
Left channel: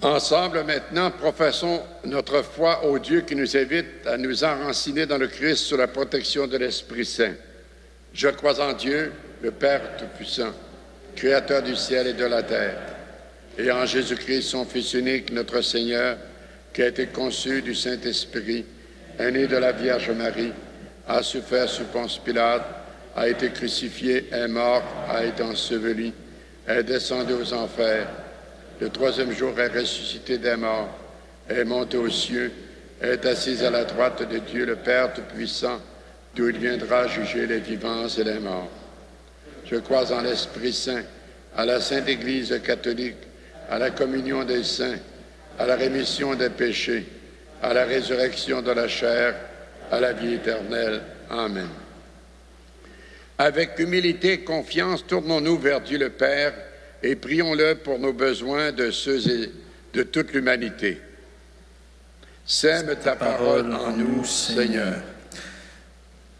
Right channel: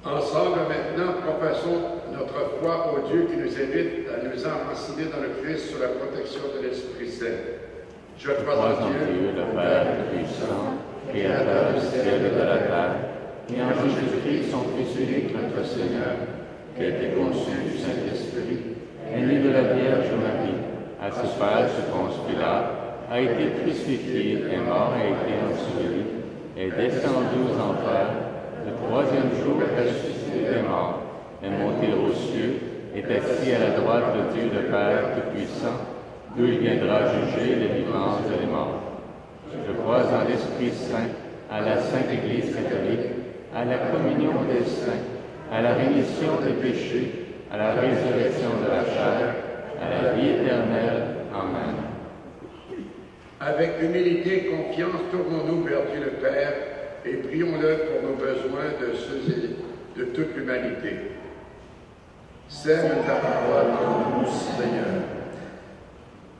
Ensemble, maintenant, professons notre foi au Dieu qui nous invite à nous enraciner dans le Christ sous la protection de l'Esprit Saint. Je crois en Dieu, le Père Tout-Puissant, Créateur du ciel et de la terre, et en Jésus-Christ, son Fils unique, notre Seigneur, qui a été conçu du Saint-Esprit, est né de la Vierge Marie, a souffert sous Ponce Pilate, a été crucifié, est mort, a été enseveli, est descendu aux enfers. Le troisième jour est ressuscité des morts, est monté aux cieux, est assis à la droite de Dieu le Père Tout-Puissant, d'où il viendra juger les vivants et les morts. Je crois en l'Esprit Saint, à la Sainte Église catholique, à la communion des saints, à la rémission des péchés, à la résurrection de la chair, à la vie éternelle. Amen. Avec humilité et confiance, tournons-nous vers Dieu le Père, et prions-le pour nos besoins de ceux et de toute l'humanité. Sème ta parole en nous, Seigneur.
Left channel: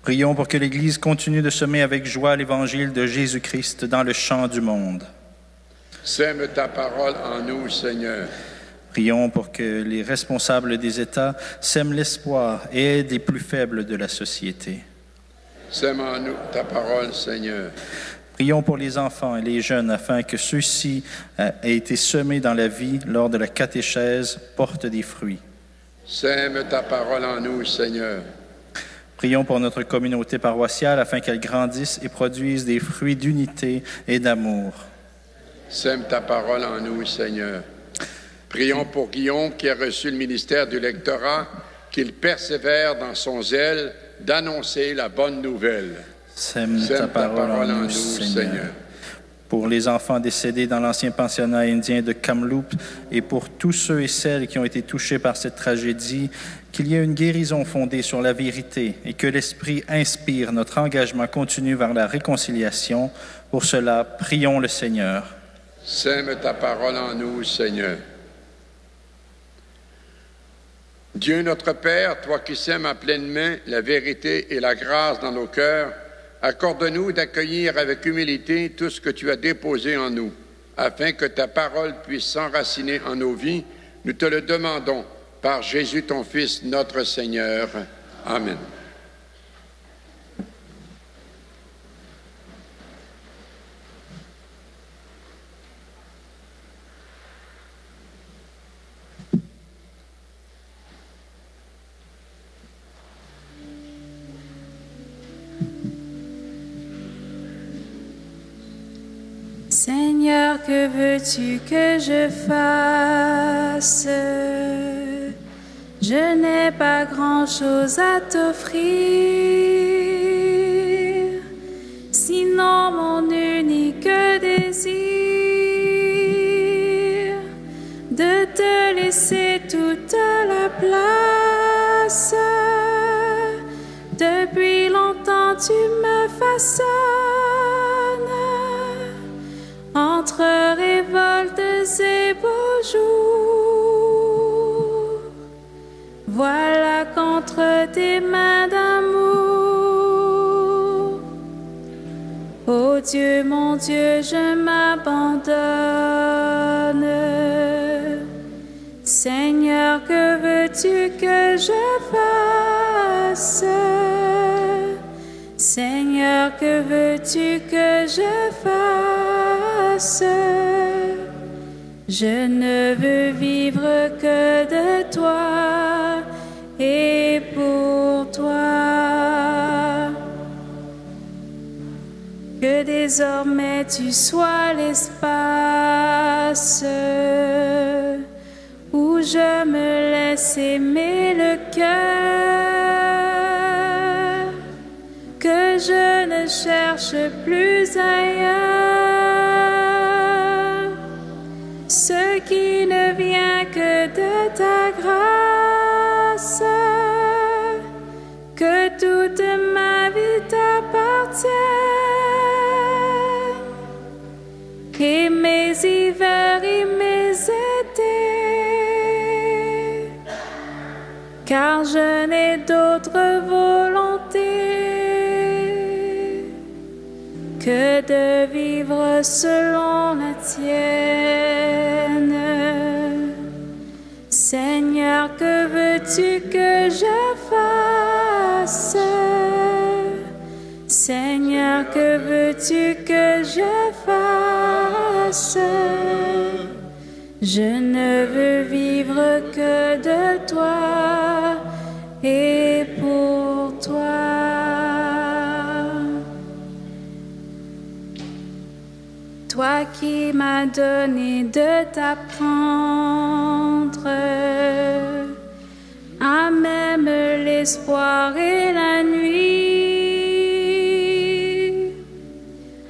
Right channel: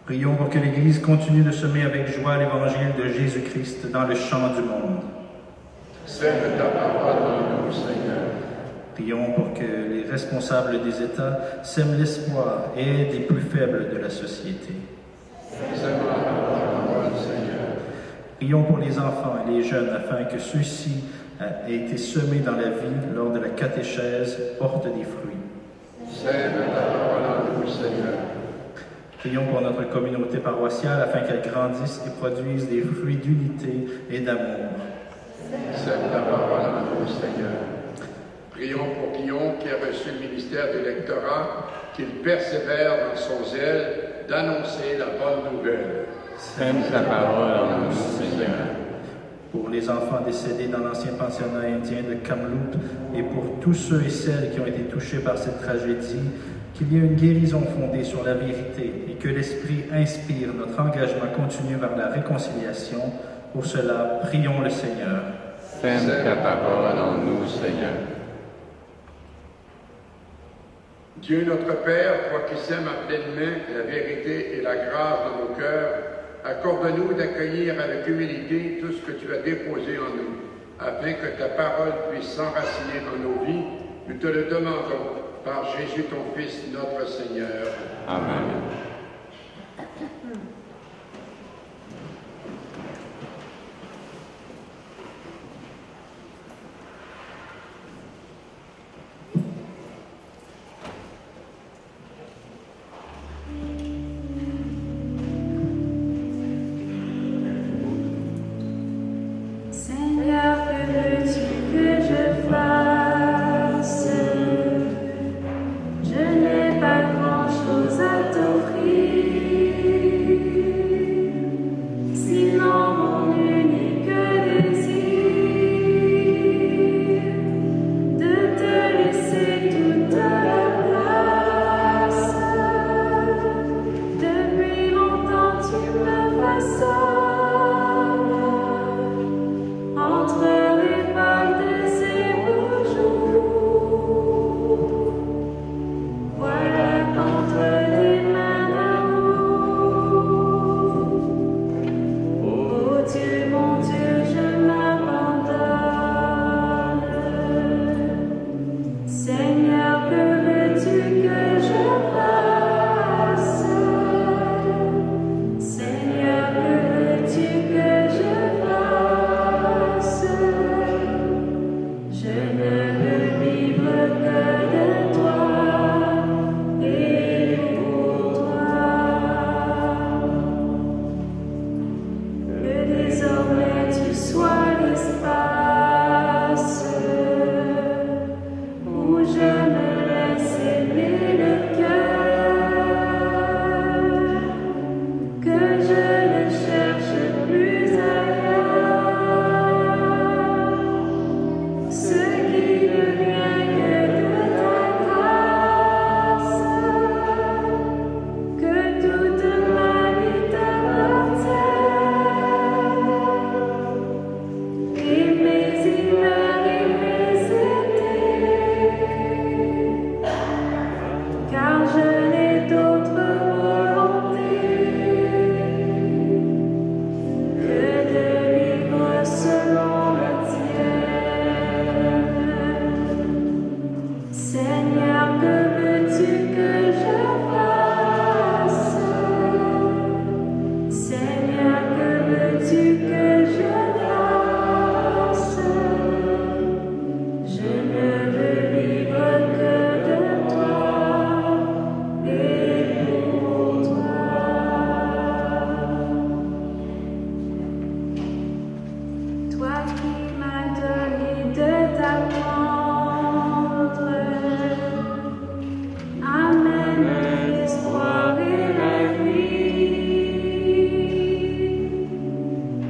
Prions pour que l'Église continue de semer avec joie l'Évangile de Jésus-Christ dans le champ du monde. Sème ta parole en nous, Seigneur. Prions pour que les responsables des États sèment l'espoir et aident les plus faibles de la société. Sème en nous ta parole, Seigneur. Prions pour les enfants et les jeunes afin que ceux-ci aient été semés dans la vie lors de la catéchèse portent des fruits. Sème ta parole en nous, Seigneur. Prions pour notre communauté paroissiale afin qu'elle grandisse et produise des fruits d'unité et d'amour. Sème ta parole en nous, Seigneur. Prions pour Guillaume qui a reçu le ministère du lectorat, qu'il persévère dans son zèle d'annoncer la bonne nouvelle. Sème ta parole en nous, Seigneur. Pour les enfants décédés dans l'ancien pensionnat indien de Kamloops et pour tous ceux et celles qui ont été touchés par cette tragédie, qu'il y ait une guérison fondée sur la vérité et que l'Esprit inspire notre engagement continu vers la réconciliation. Pour cela, prions le Seigneur. Sème ta parole en nous, Seigneur. Dieu notre Père, toi qui sèmes à pleine main la vérité et la grâce dans nos cœurs, accorde-nous d'accueillir avec humilité tout ce que tu as déposé en nous, afin que ta parole puisse s'enraciner en nos vies. Nous te le demandons par Jésus ton Fils, notre Seigneur. Amen. Seigneur, que veux-tu que je fasse? Je n'ai pas grand-chose à t'offrir, sinon mon unique désir de te laisser toute la place. Depuis longtemps tu me façonnes entre révoltes et beaux jours. Voilà qu'entre tes mains d'amour, ô Dieu, mon Dieu, je m'abandonne. Seigneur, que veux-tu que je fasse? Seigneur, que veux-tu que je fasse? Je ne veux vivre que de toi et pour toi. Que désormais tu sois l'espace où je me laisse aimer le cœur, que je ne cherche plus ailleurs ce qui ne vient que de ta grâce, que toute ma vie t'appartienne, et mes hivers et mes étés, car je n'ai d'autre volonté que de vivre selon la tienne. Seigneur, que veux-tu que je fasse? Seigneur, que veux-tu que je fasse? Je ne veux vivre que de toi et pour toi. Toi qui m'as donné de t'apprendre à même l'espoir et la nuit,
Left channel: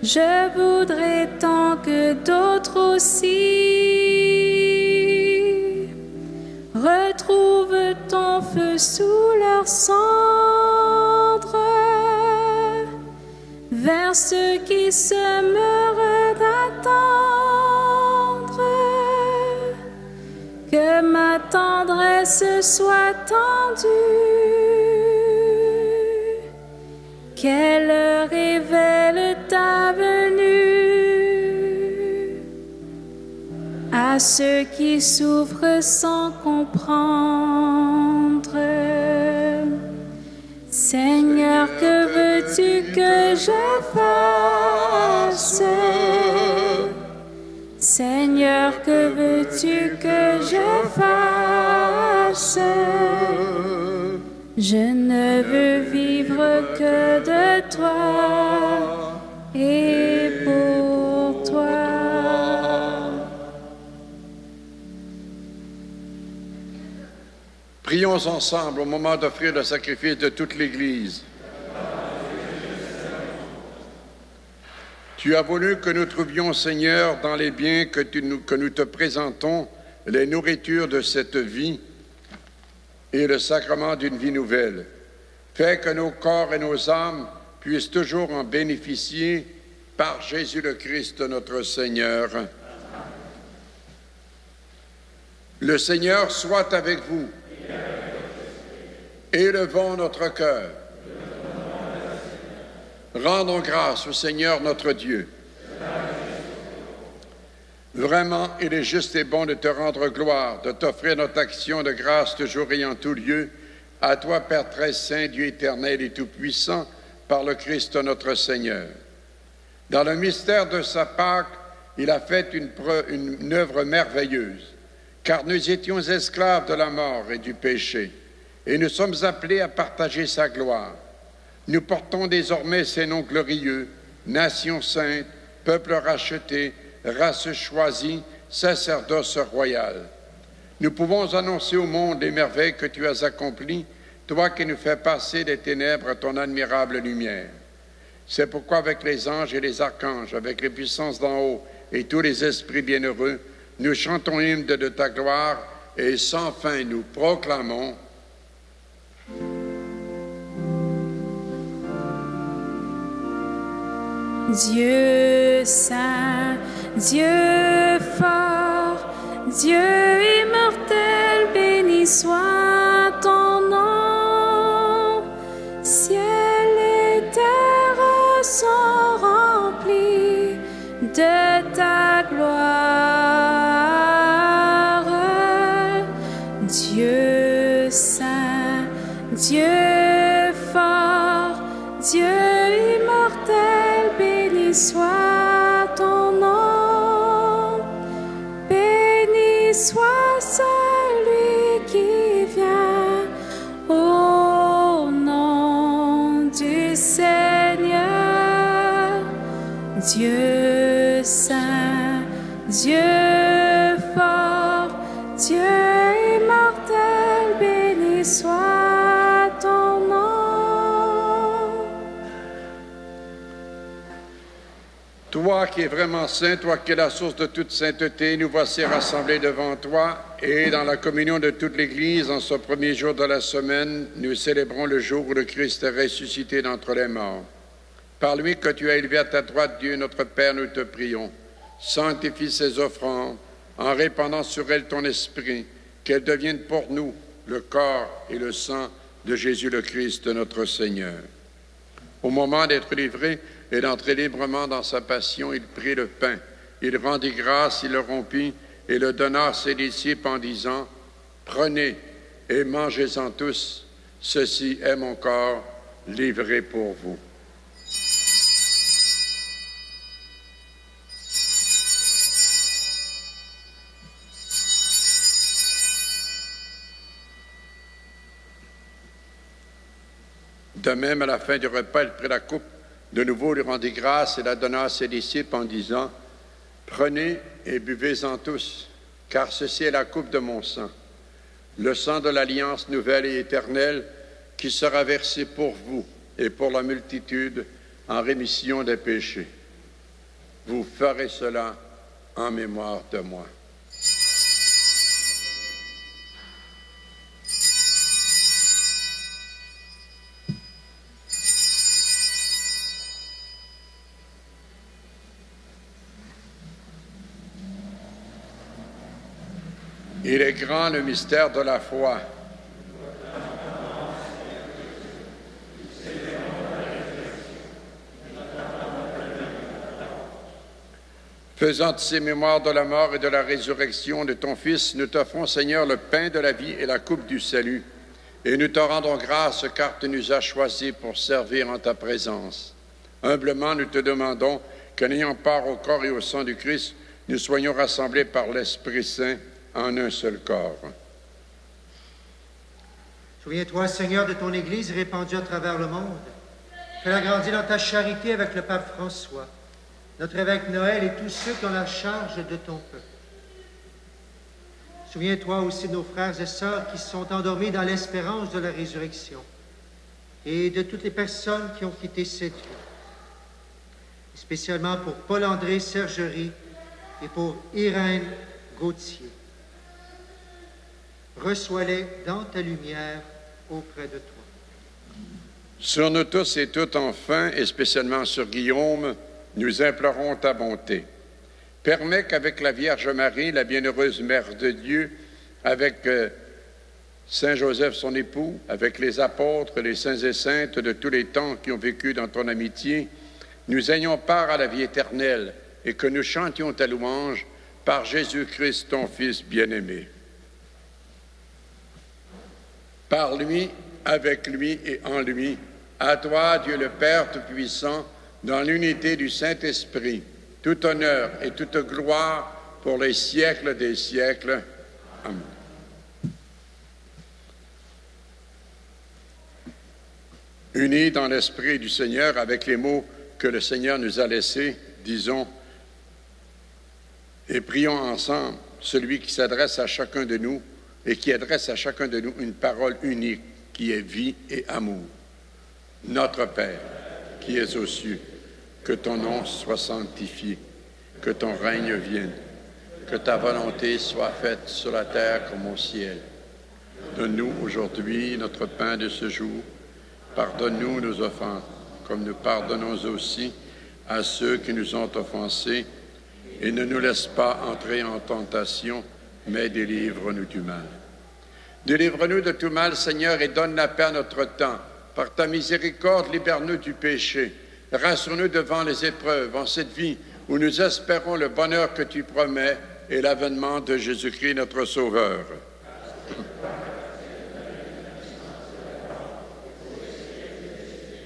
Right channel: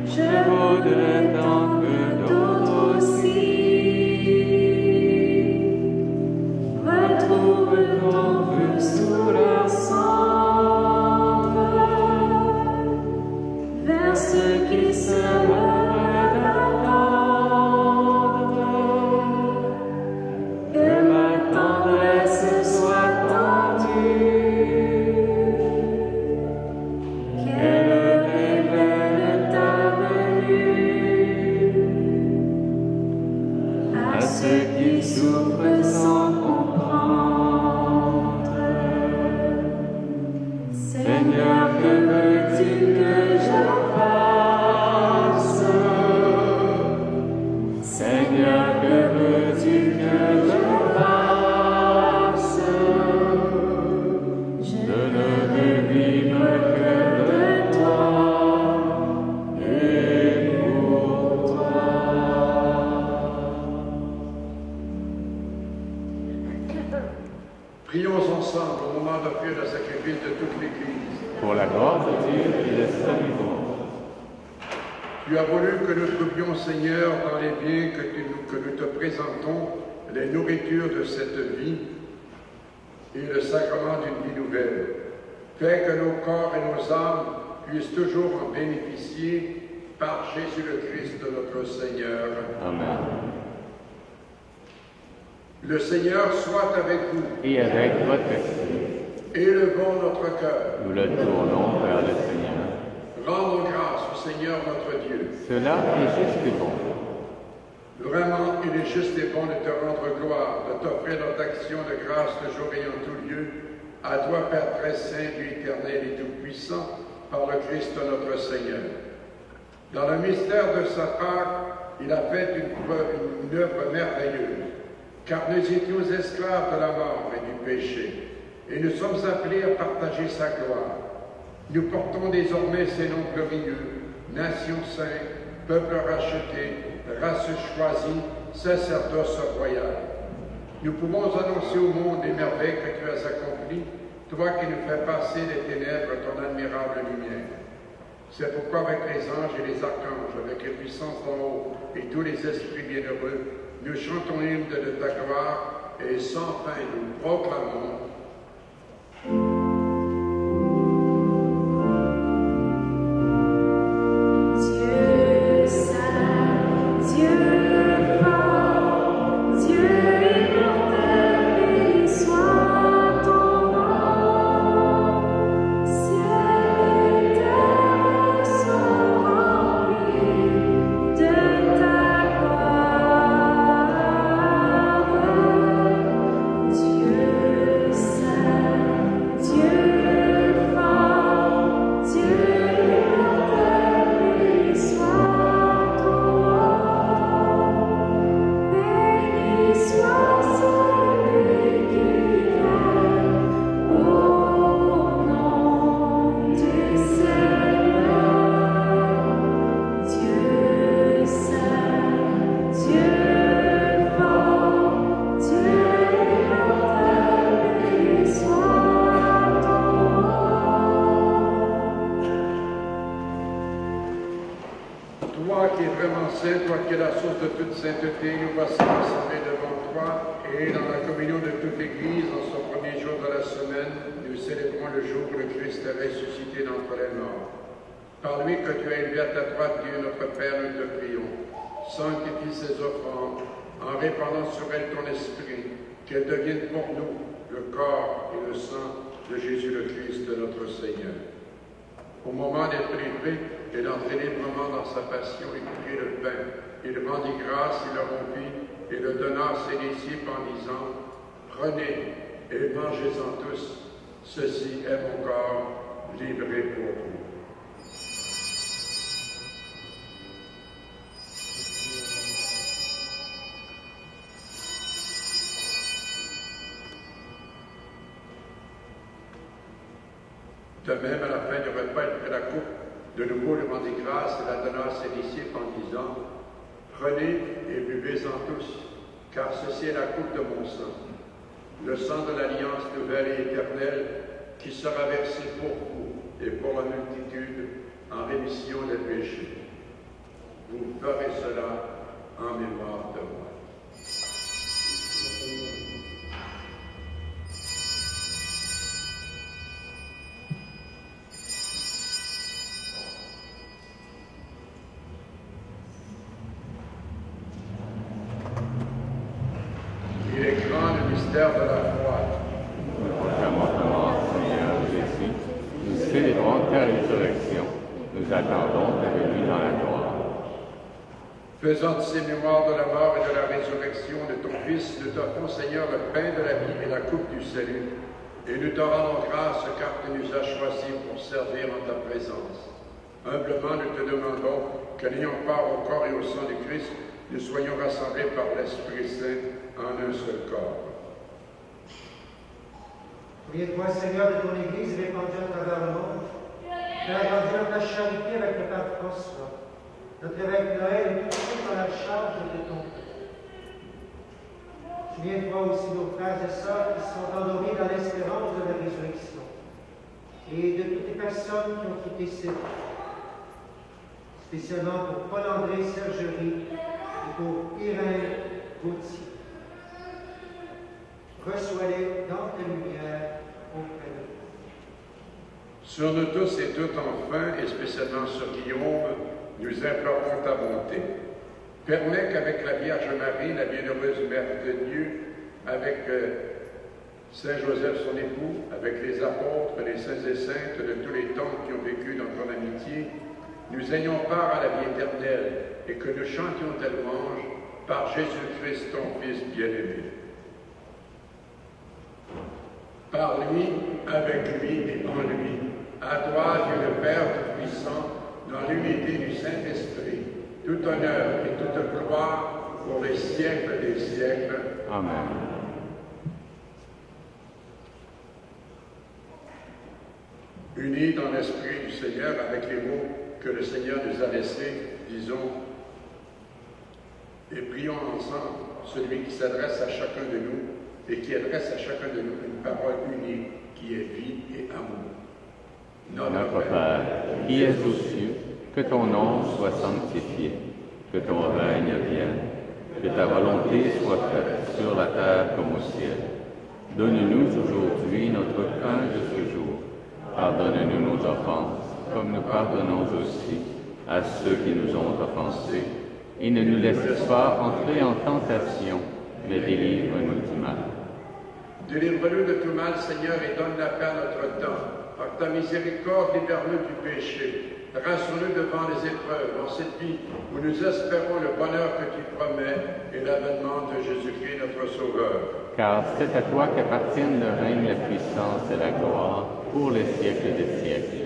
je voudrais tant que d'autres aussi retrouvent ton feu sous leurs cendres, vers ceux qui s'aimeraient d'attendre, que ma tendresse soit tendue, qu'elle révèle ta venue à ceux qui souffrent sans comprendre. Seigneur, que veux-tu que je fasse? prions ensemble au moment d'offrir le sacrifice de toute l'Église. Pour la gloire de Dieu et le salut du monde. Tu as voulu que nous trouvions, Seigneur, dans les biens que nous te présentons, les nourritures de cette vie et le sacrement d'une vie nouvelle. Fais que nos corps et nos âmes puissent toujours en bénéficier par Jésus le Christ, notre Seigneur. Amen. Le Seigneur soit avec vous. Et avec votre esprit, Élevons notre cœur. nous le tournons vers le Seigneur. Rendons grâce au Seigneur notre Dieu. Cela est juste et bon. Vraiment, il est juste et bon de te rendre gloire, de t'offrir notre action de grâce toujours et en tout lieu, à toi, Père très saint, Dieu éternel et tout-puissant, par le Christ notre Seigneur. Dans le mystère de sa Pâque, il a fait une œuvre merveilleuse, car nous étions esclaves de la mort et du péché, et nous sommes appelés à partager sa gloire. Nous portons désormais ses noms glorieux, nation sainte, peuple racheté, race choisie, sacerdoce royal. Nous pouvons annoncer au monde les merveilles que tu as accomplies, toi qui nous fais passer des ténèbres à ton admirable lumière. C'est pourquoi avec les anges et les archanges, avec les puissances d'en haut et tous les esprits bienheureux, nous chantons l'hymne de ta gloire et sans fin nous proclamons Dieu saint, Dieu fort, Dieu immortel, béni soit ton nom. Ciel et terre sont remplis de ta gloire. Dieu saint, Dieu fort, Dieu soit ton nom, béni soit celui qui vient au nom du Seigneur. Dieu saint, Dieu fort, Dieu immortel, béni soit ton nom. Toi qui es vraiment saint, toi qui es la source de toute sainteté, nous voici rassemblés devant toi et dans la communion de toute l'Église, en ce premier jour de la semaine, nous célébrons le jour où le Christ est ressuscité d'entre les morts. Par lui que tu as élevé à ta droite, Dieu notre Père, nous te prions. Sanctifie ces offrandes en répandant sur elles ton esprit, qu'elles deviennent pour nous le corps et le sang de Jésus le Christ, notre Seigneur. Au moment d'être livré et d'entrer librement dans sa passion, il prit le pain, il rendit grâce, il le rompit et le donna à ses disciples en disant « Prenez et mangez-en tous, ceci est mon corps livré pour vous. » De même, à la fin du repas, il prit la coupe, de nouveau lui rendit grâce et la donna à ses disciples en disant « Prenez et buvez-en tous, car ceci est la coupe de mon sang, le sang de l'alliance nouvelle et éternelle qui sera versé pour vous et pour la multitude en rémission des péchés. Vous ferez cela en mémoire de moi. » Il est grand le mystère de la foi. Nous célébrons ta résurrection. Nous attendons ta venue dans la gloire. Faisant de ces mémoires de la mort et de la résurrection de ton Fils, nous t'offrons, Seigneur, le pain de la vie et la coupe du salut. Et nous te rendons grâce car tu nous as choisis pour servir en ta présence. Humblement, nous te demandons que, n'ayant part au corps et au sang du Christ, nous soyons rassemblés par l'Esprit Saint en un seul corps. Souviens-toi, Seigneur, de ton Église répandue à travers le monde. Fais-la grandir dans ta charité avec le Pape François, notre évêque Noël et tous ceux qui ont la charge de ton peuple. Souviens-toi aussi de nos frères et sœurs qui sont endormis dans l'espérance de la résurrection et de toutes les personnes qui ont quitté cette vie, spécialement pour Paul-André Sergerie et pour Irène Gauthier. Reçois-les dans ta lumière auprès de toi. Sur nous tous et toutes enfin, et spécialement sur Guillaume, nous implorons ta bonté. Permets qu'avec la Vierge Marie, la bienheureuse Mère de Dieu, avec Saint Joseph son époux, avec les apôtres, les saints et saintes de tous les temps qui ont vécu dans ton amitié, nous ayons part à la vie éternelle et que nous chantions ta louange par Jésus-Christ, ton Fils bien-aimé. Par lui, avec lui et en lui, à toi, Dieu le Père Tout-Puissant, dans l'unité du Saint-Esprit, tout honneur et toute gloire pour les siècles des siècles. Amen. Unis dans l'Esprit du Seigneur avec les mots que le Seigneur nous a laissés, disons et prions ensemble celui qui s'adresse à chacun de nous et qui adresse à chacun de nous une parole unique qui est vie et amour. Notre Père, qui es aux cieux, que ton nom soit sanctifié, que ton règne vienne, que ta volonté soit faite sur la terre comme au ciel. Donne-nous aujourd'hui notre pain de ce jour. Pardonne-nous nos offenses, comme nous pardonnons aussi à ceux qui nous ont offensés, et ne nous laisse pas entrer en tentation, mais délivre-nous du mal. Délivre-nous de tout mal, Seigneur, et donne la paix à notre temps. Par ta miséricorde, libère-nous du péché. Rassure-nous devant les épreuves en cette vie où nous espérons le bonheur que tu promets et l'avènement de Jésus-Christ, notre Sauveur. Car c'est à toi qu'appartiennent le règne, la puissance et la gloire pour les siècles des siècles.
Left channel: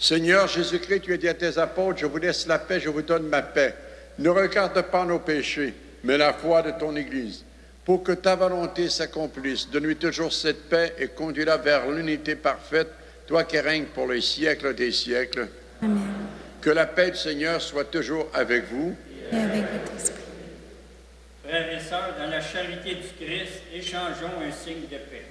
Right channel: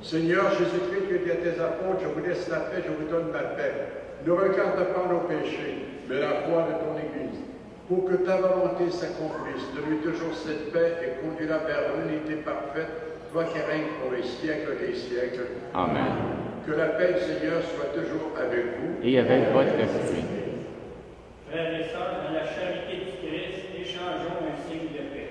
Seigneur Jésus-Christ, tu as dit à tes apôtres, je vous laisse la paix, je vous donne ma paix. Ne regarde pas nos péchés, mais la foi de ton Église. Pour que ta volonté s'accomplisse, donne-lui toujours cette paix et conduis-la vers l'unité parfaite, toi qui règnes pour les siècles des siècles. Amen. Que la paix du Seigneur soit toujours avec vous. Et avec votre esprit. Frères et sœurs, dans la charité du Christ, échangeons un signe de paix.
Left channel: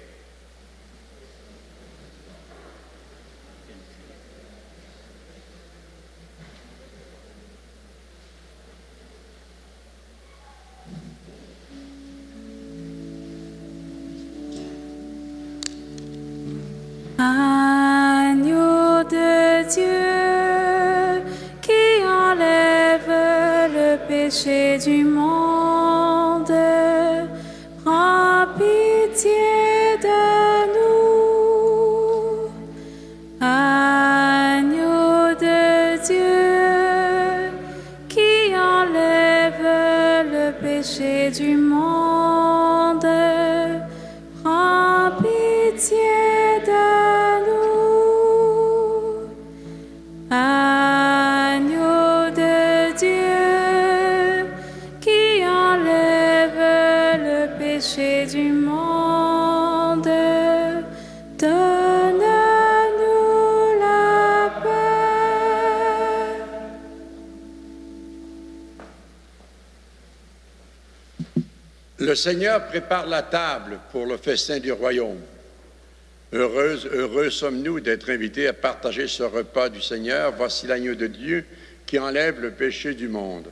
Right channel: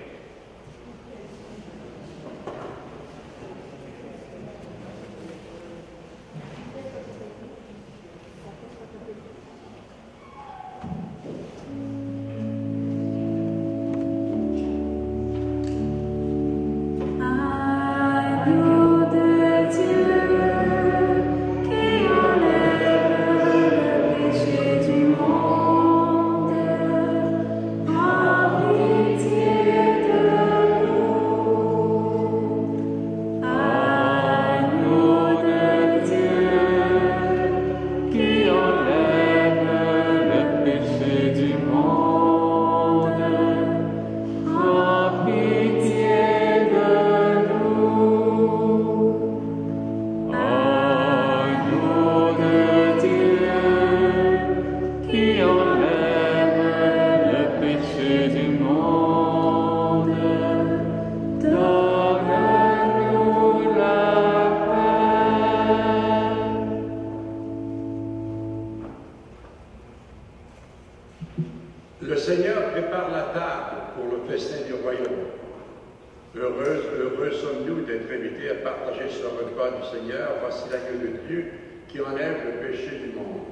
Agneau de Dieu qui enlève le péché du monde, prends pitié de nous. Agneau de Dieu qui enlève le péché du monde, prends pitié. Le Seigneur prépare la table pour le festin du royaume. Heureux sommes-nous d'être invités à partager ce repas du Seigneur. Voici l'agneau de Dieu qui enlève le péché du monde.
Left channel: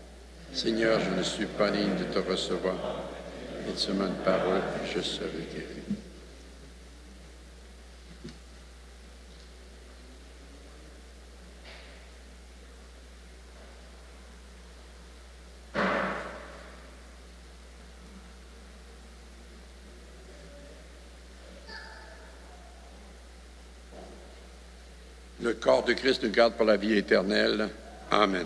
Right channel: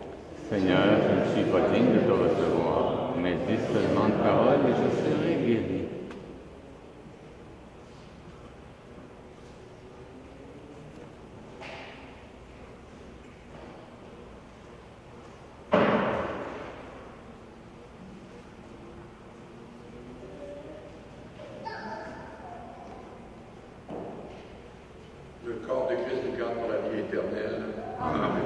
Seigneur, je ne suis pas digne de te recevoir, mais dis seulement une parole et je serai guéri. Le corps de Christ nous garde pour la vie éternelle. Amen.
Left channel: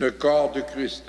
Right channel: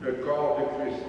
le corps de Christ.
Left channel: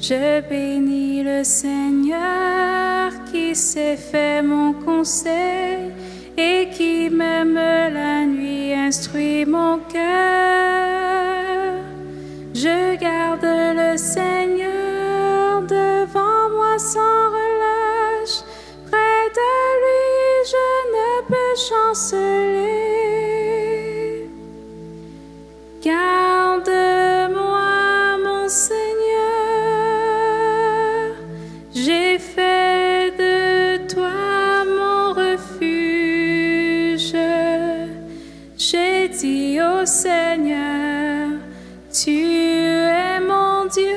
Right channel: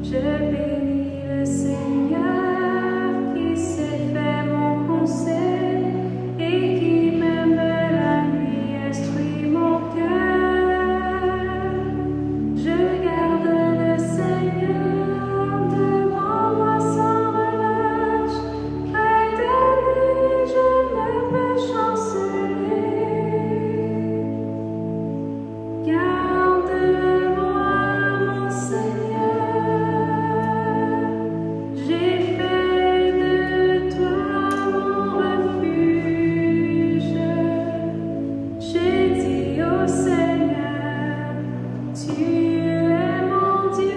Je bénis le Seigneur qui s'est fait mon conseil et qui même la nuit instruit mon cœur. Je garde le Seigneur devant moi sans relâche. Près de lui je ne peux chanceler. Garde-moi mon Seigneur. J'ai fait de toi mon refuge. J'ai dit au Seigneur, tu es mon Dieu.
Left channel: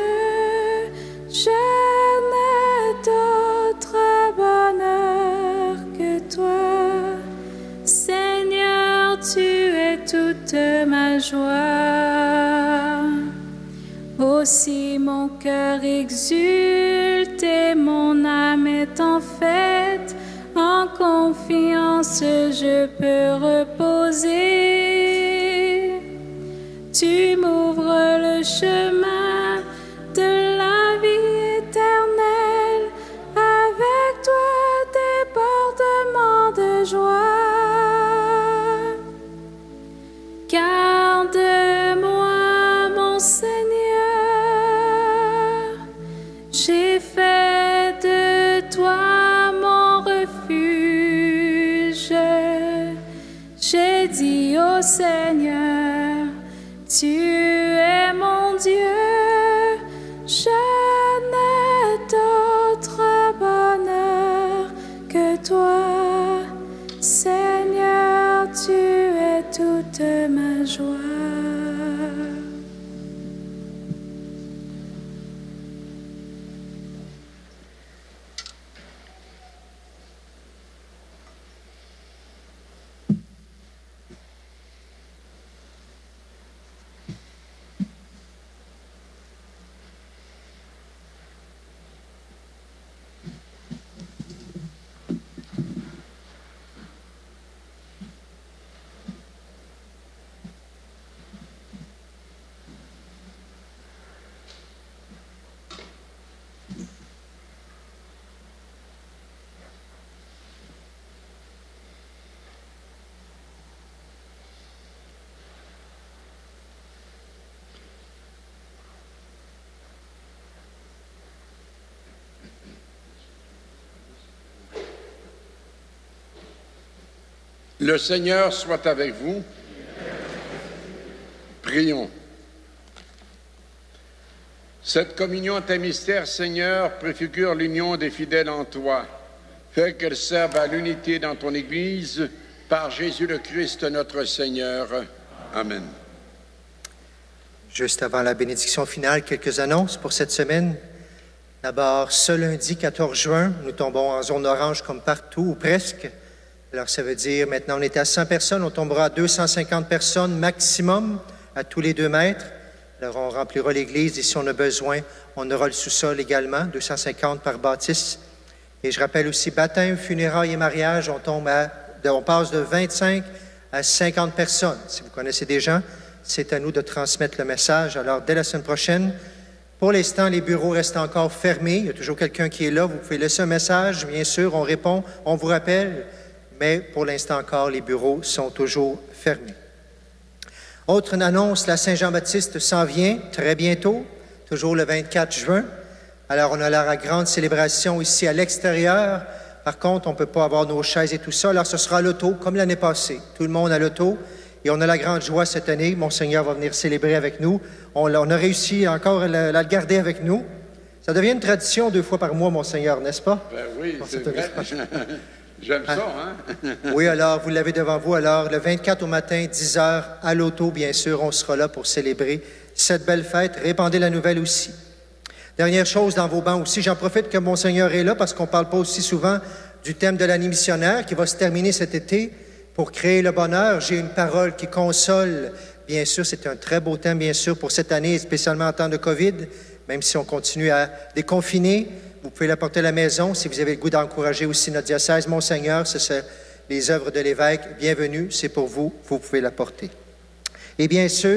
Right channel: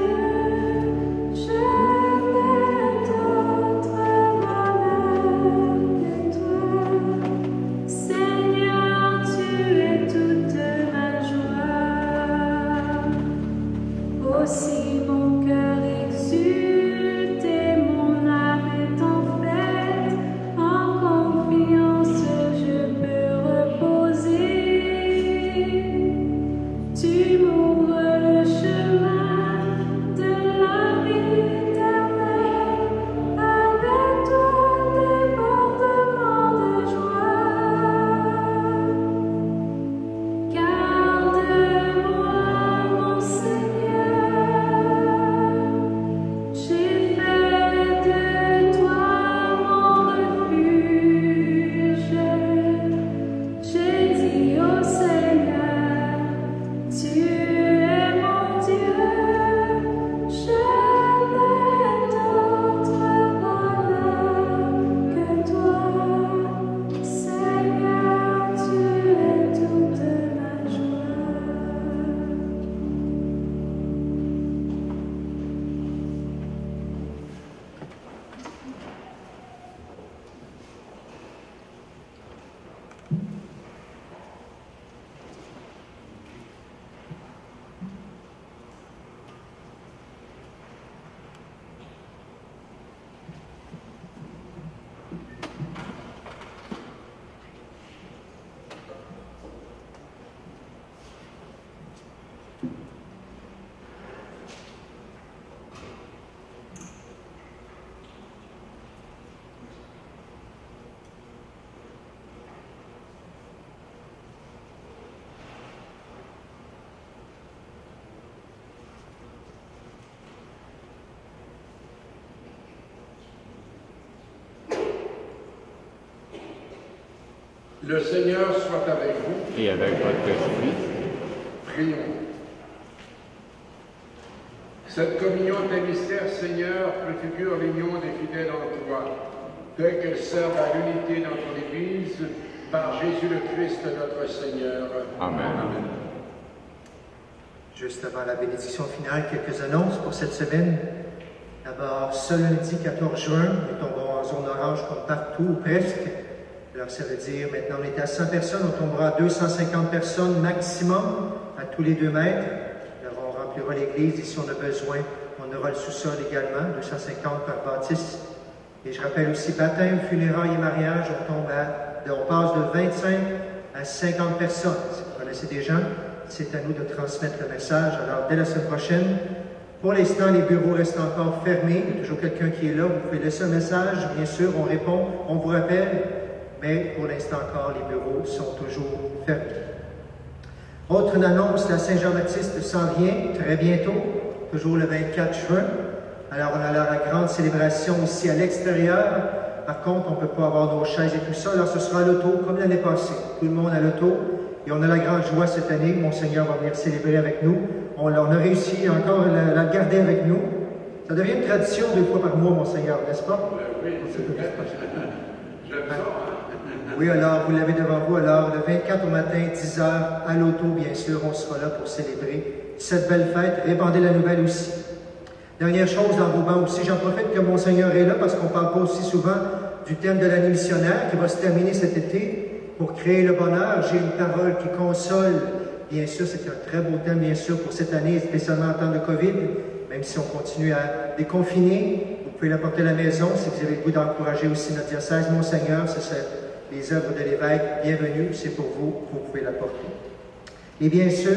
Je n'ai d'autre bonheur que toi. Seigneur, tu es toute ma joie. Aussi mon cœur exulte et mon âme est en fête. En confiance je peux reposer. Tu m'ouvres le chemin de la vie éternelle. Avec toi débordement de joie. Garde-moi mon Seigneur. J'ai fait de toi mon refuge. J'ai dit au Seigneur, tu Le Seigneur soit avec vous. Et avec votre esprit. Prions. Cette communion des mystères, Seigneur, préfigure l'union des fidèles en toi. Fais qu'elle serve à l'unité dans ton Église par Jésus le Christ, notre Seigneur. Amen. Amen. Juste avant la bénédiction finale, quelques annonces pour cette semaine. D'abord, ce lundi 14 juin, nous tombons en zone orange comme partout, ou presque. Alors, ça veut dire, maintenant, on était à 100 personnes, on tombera à 250 personnes maximum, à tous les 2 mètres. Alors, on remplira l'église et si on a besoin, on aura le sous-sol également, 250 par bâtisse. Et je rappelle aussi, baptême, funérailles et mariage, on passe de 25 à 50 personnes. Si vous connaissez des gens, c'est à nous de transmettre le message. Alors, dès la semaine prochaine, pour l'instant, les bureaux restent encore fermés. Il y a toujours quelqu'un qui est là. Vous pouvez laisser un message, bien sûr, on répond, on vous rappelle. Mais pour l'instant encore, les bureaux sont toujours fermés. Autre annonce, la Saint-Jean-Baptiste s'en vient très bientôt, toujours le 24 juin. Alors, on a la grande célébration ici à l'extérieur. Par contre, on ne peut pas avoir nos chaises et tout ça. Alors, ce sera à l'auto, comme l'année passée. Tout le monde à l'auto. Et on a la grande joie cette année. Monseigneur va venir célébrer avec nous. On a réussi encore à le garder avec nous. Ça devient une tradition 2 fois par mois, Monseigneur, n'est-ce pas? Ben oui, c'est vrai. J'aime ça, hein? Oui, alors, vous l'avez devant vous. Alors, le 24 au matin, 10 h, à l'auto, bien sûr, on sera là pour célébrer cette belle fête. Répandez la nouvelle aussi. Dernière chose, dans vos bancs aussi, j'en profite que Monseigneur est là parce qu'on ne parle pas aussi souvent du thème de l'année missionnaire qui va se terminer cet été. Pour créer le bonheur, j'ai une parole qui console. Bien sûr, c'est un très beau thème, bien sûr, pour cette année, spécialement en temps de COVID, même si on continue à déconfiner. Vous pouvez l'apporter à la maison si vous avez le goût d'encourager aussi notre diocèse. Monseigneur, c'est les œuvres de l'évêque. Bienvenue, c'est pour vous, vous pouvez l'apporter. Et bien sûr,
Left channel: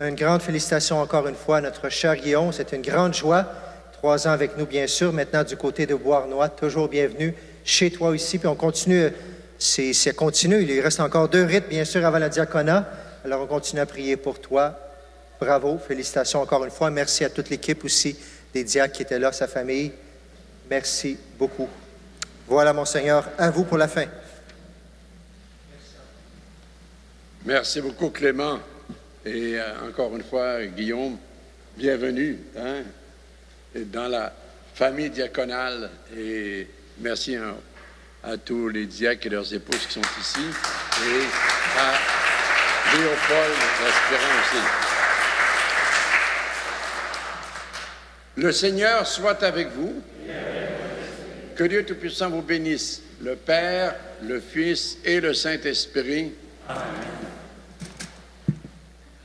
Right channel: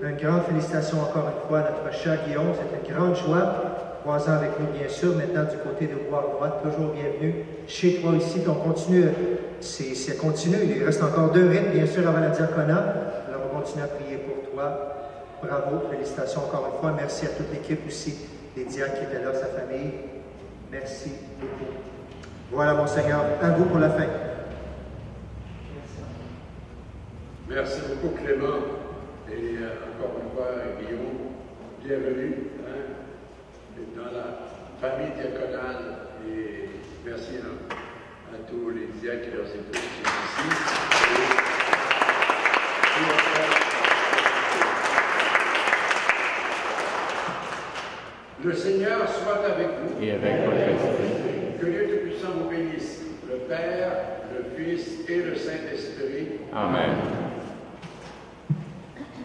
une grande félicitation encore une fois à notre cher Guillaume. C'est une grande joie. 3 ans avec nous, bien sûr. Maintenant, du côté de Beauharnois, toujours bienvenue chez toi ici. Puis on continue, c'est continue. Il reste encore 2 rites, bien sûr, avant la diaconat. Alors, on continue à prier pour toi. Bravo, félicitations encore une fois. Merci à toute l'équipe aussi, des diacres qui étaient là, sa famille. Merci beaucoup. Voilà, Monseigneur, à vous pour la fin. Merci beaucoup, Clément. Et encore une fois, Guillaume, bienvenue dans la famille diaconale. Et merci à tous les diacres et leurs épouses qui sont ici. Et à Léopold, aussi. Le Seigneur soit avec vous. Et avec votre esprit. Que Dieu Tout-Puissant vous bénisse, le Père, le Fils et le Saint-Esprit. Amen.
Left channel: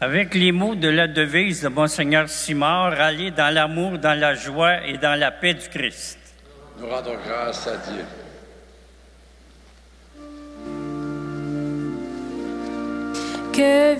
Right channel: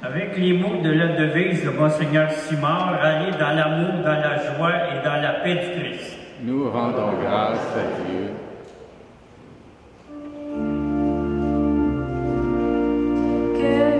Avec les mots de la devise de Monseigneur Simard, allez dans l'amour, dans la joie et dans la paix du Christ. Nous rendons grâce à Dieu. Que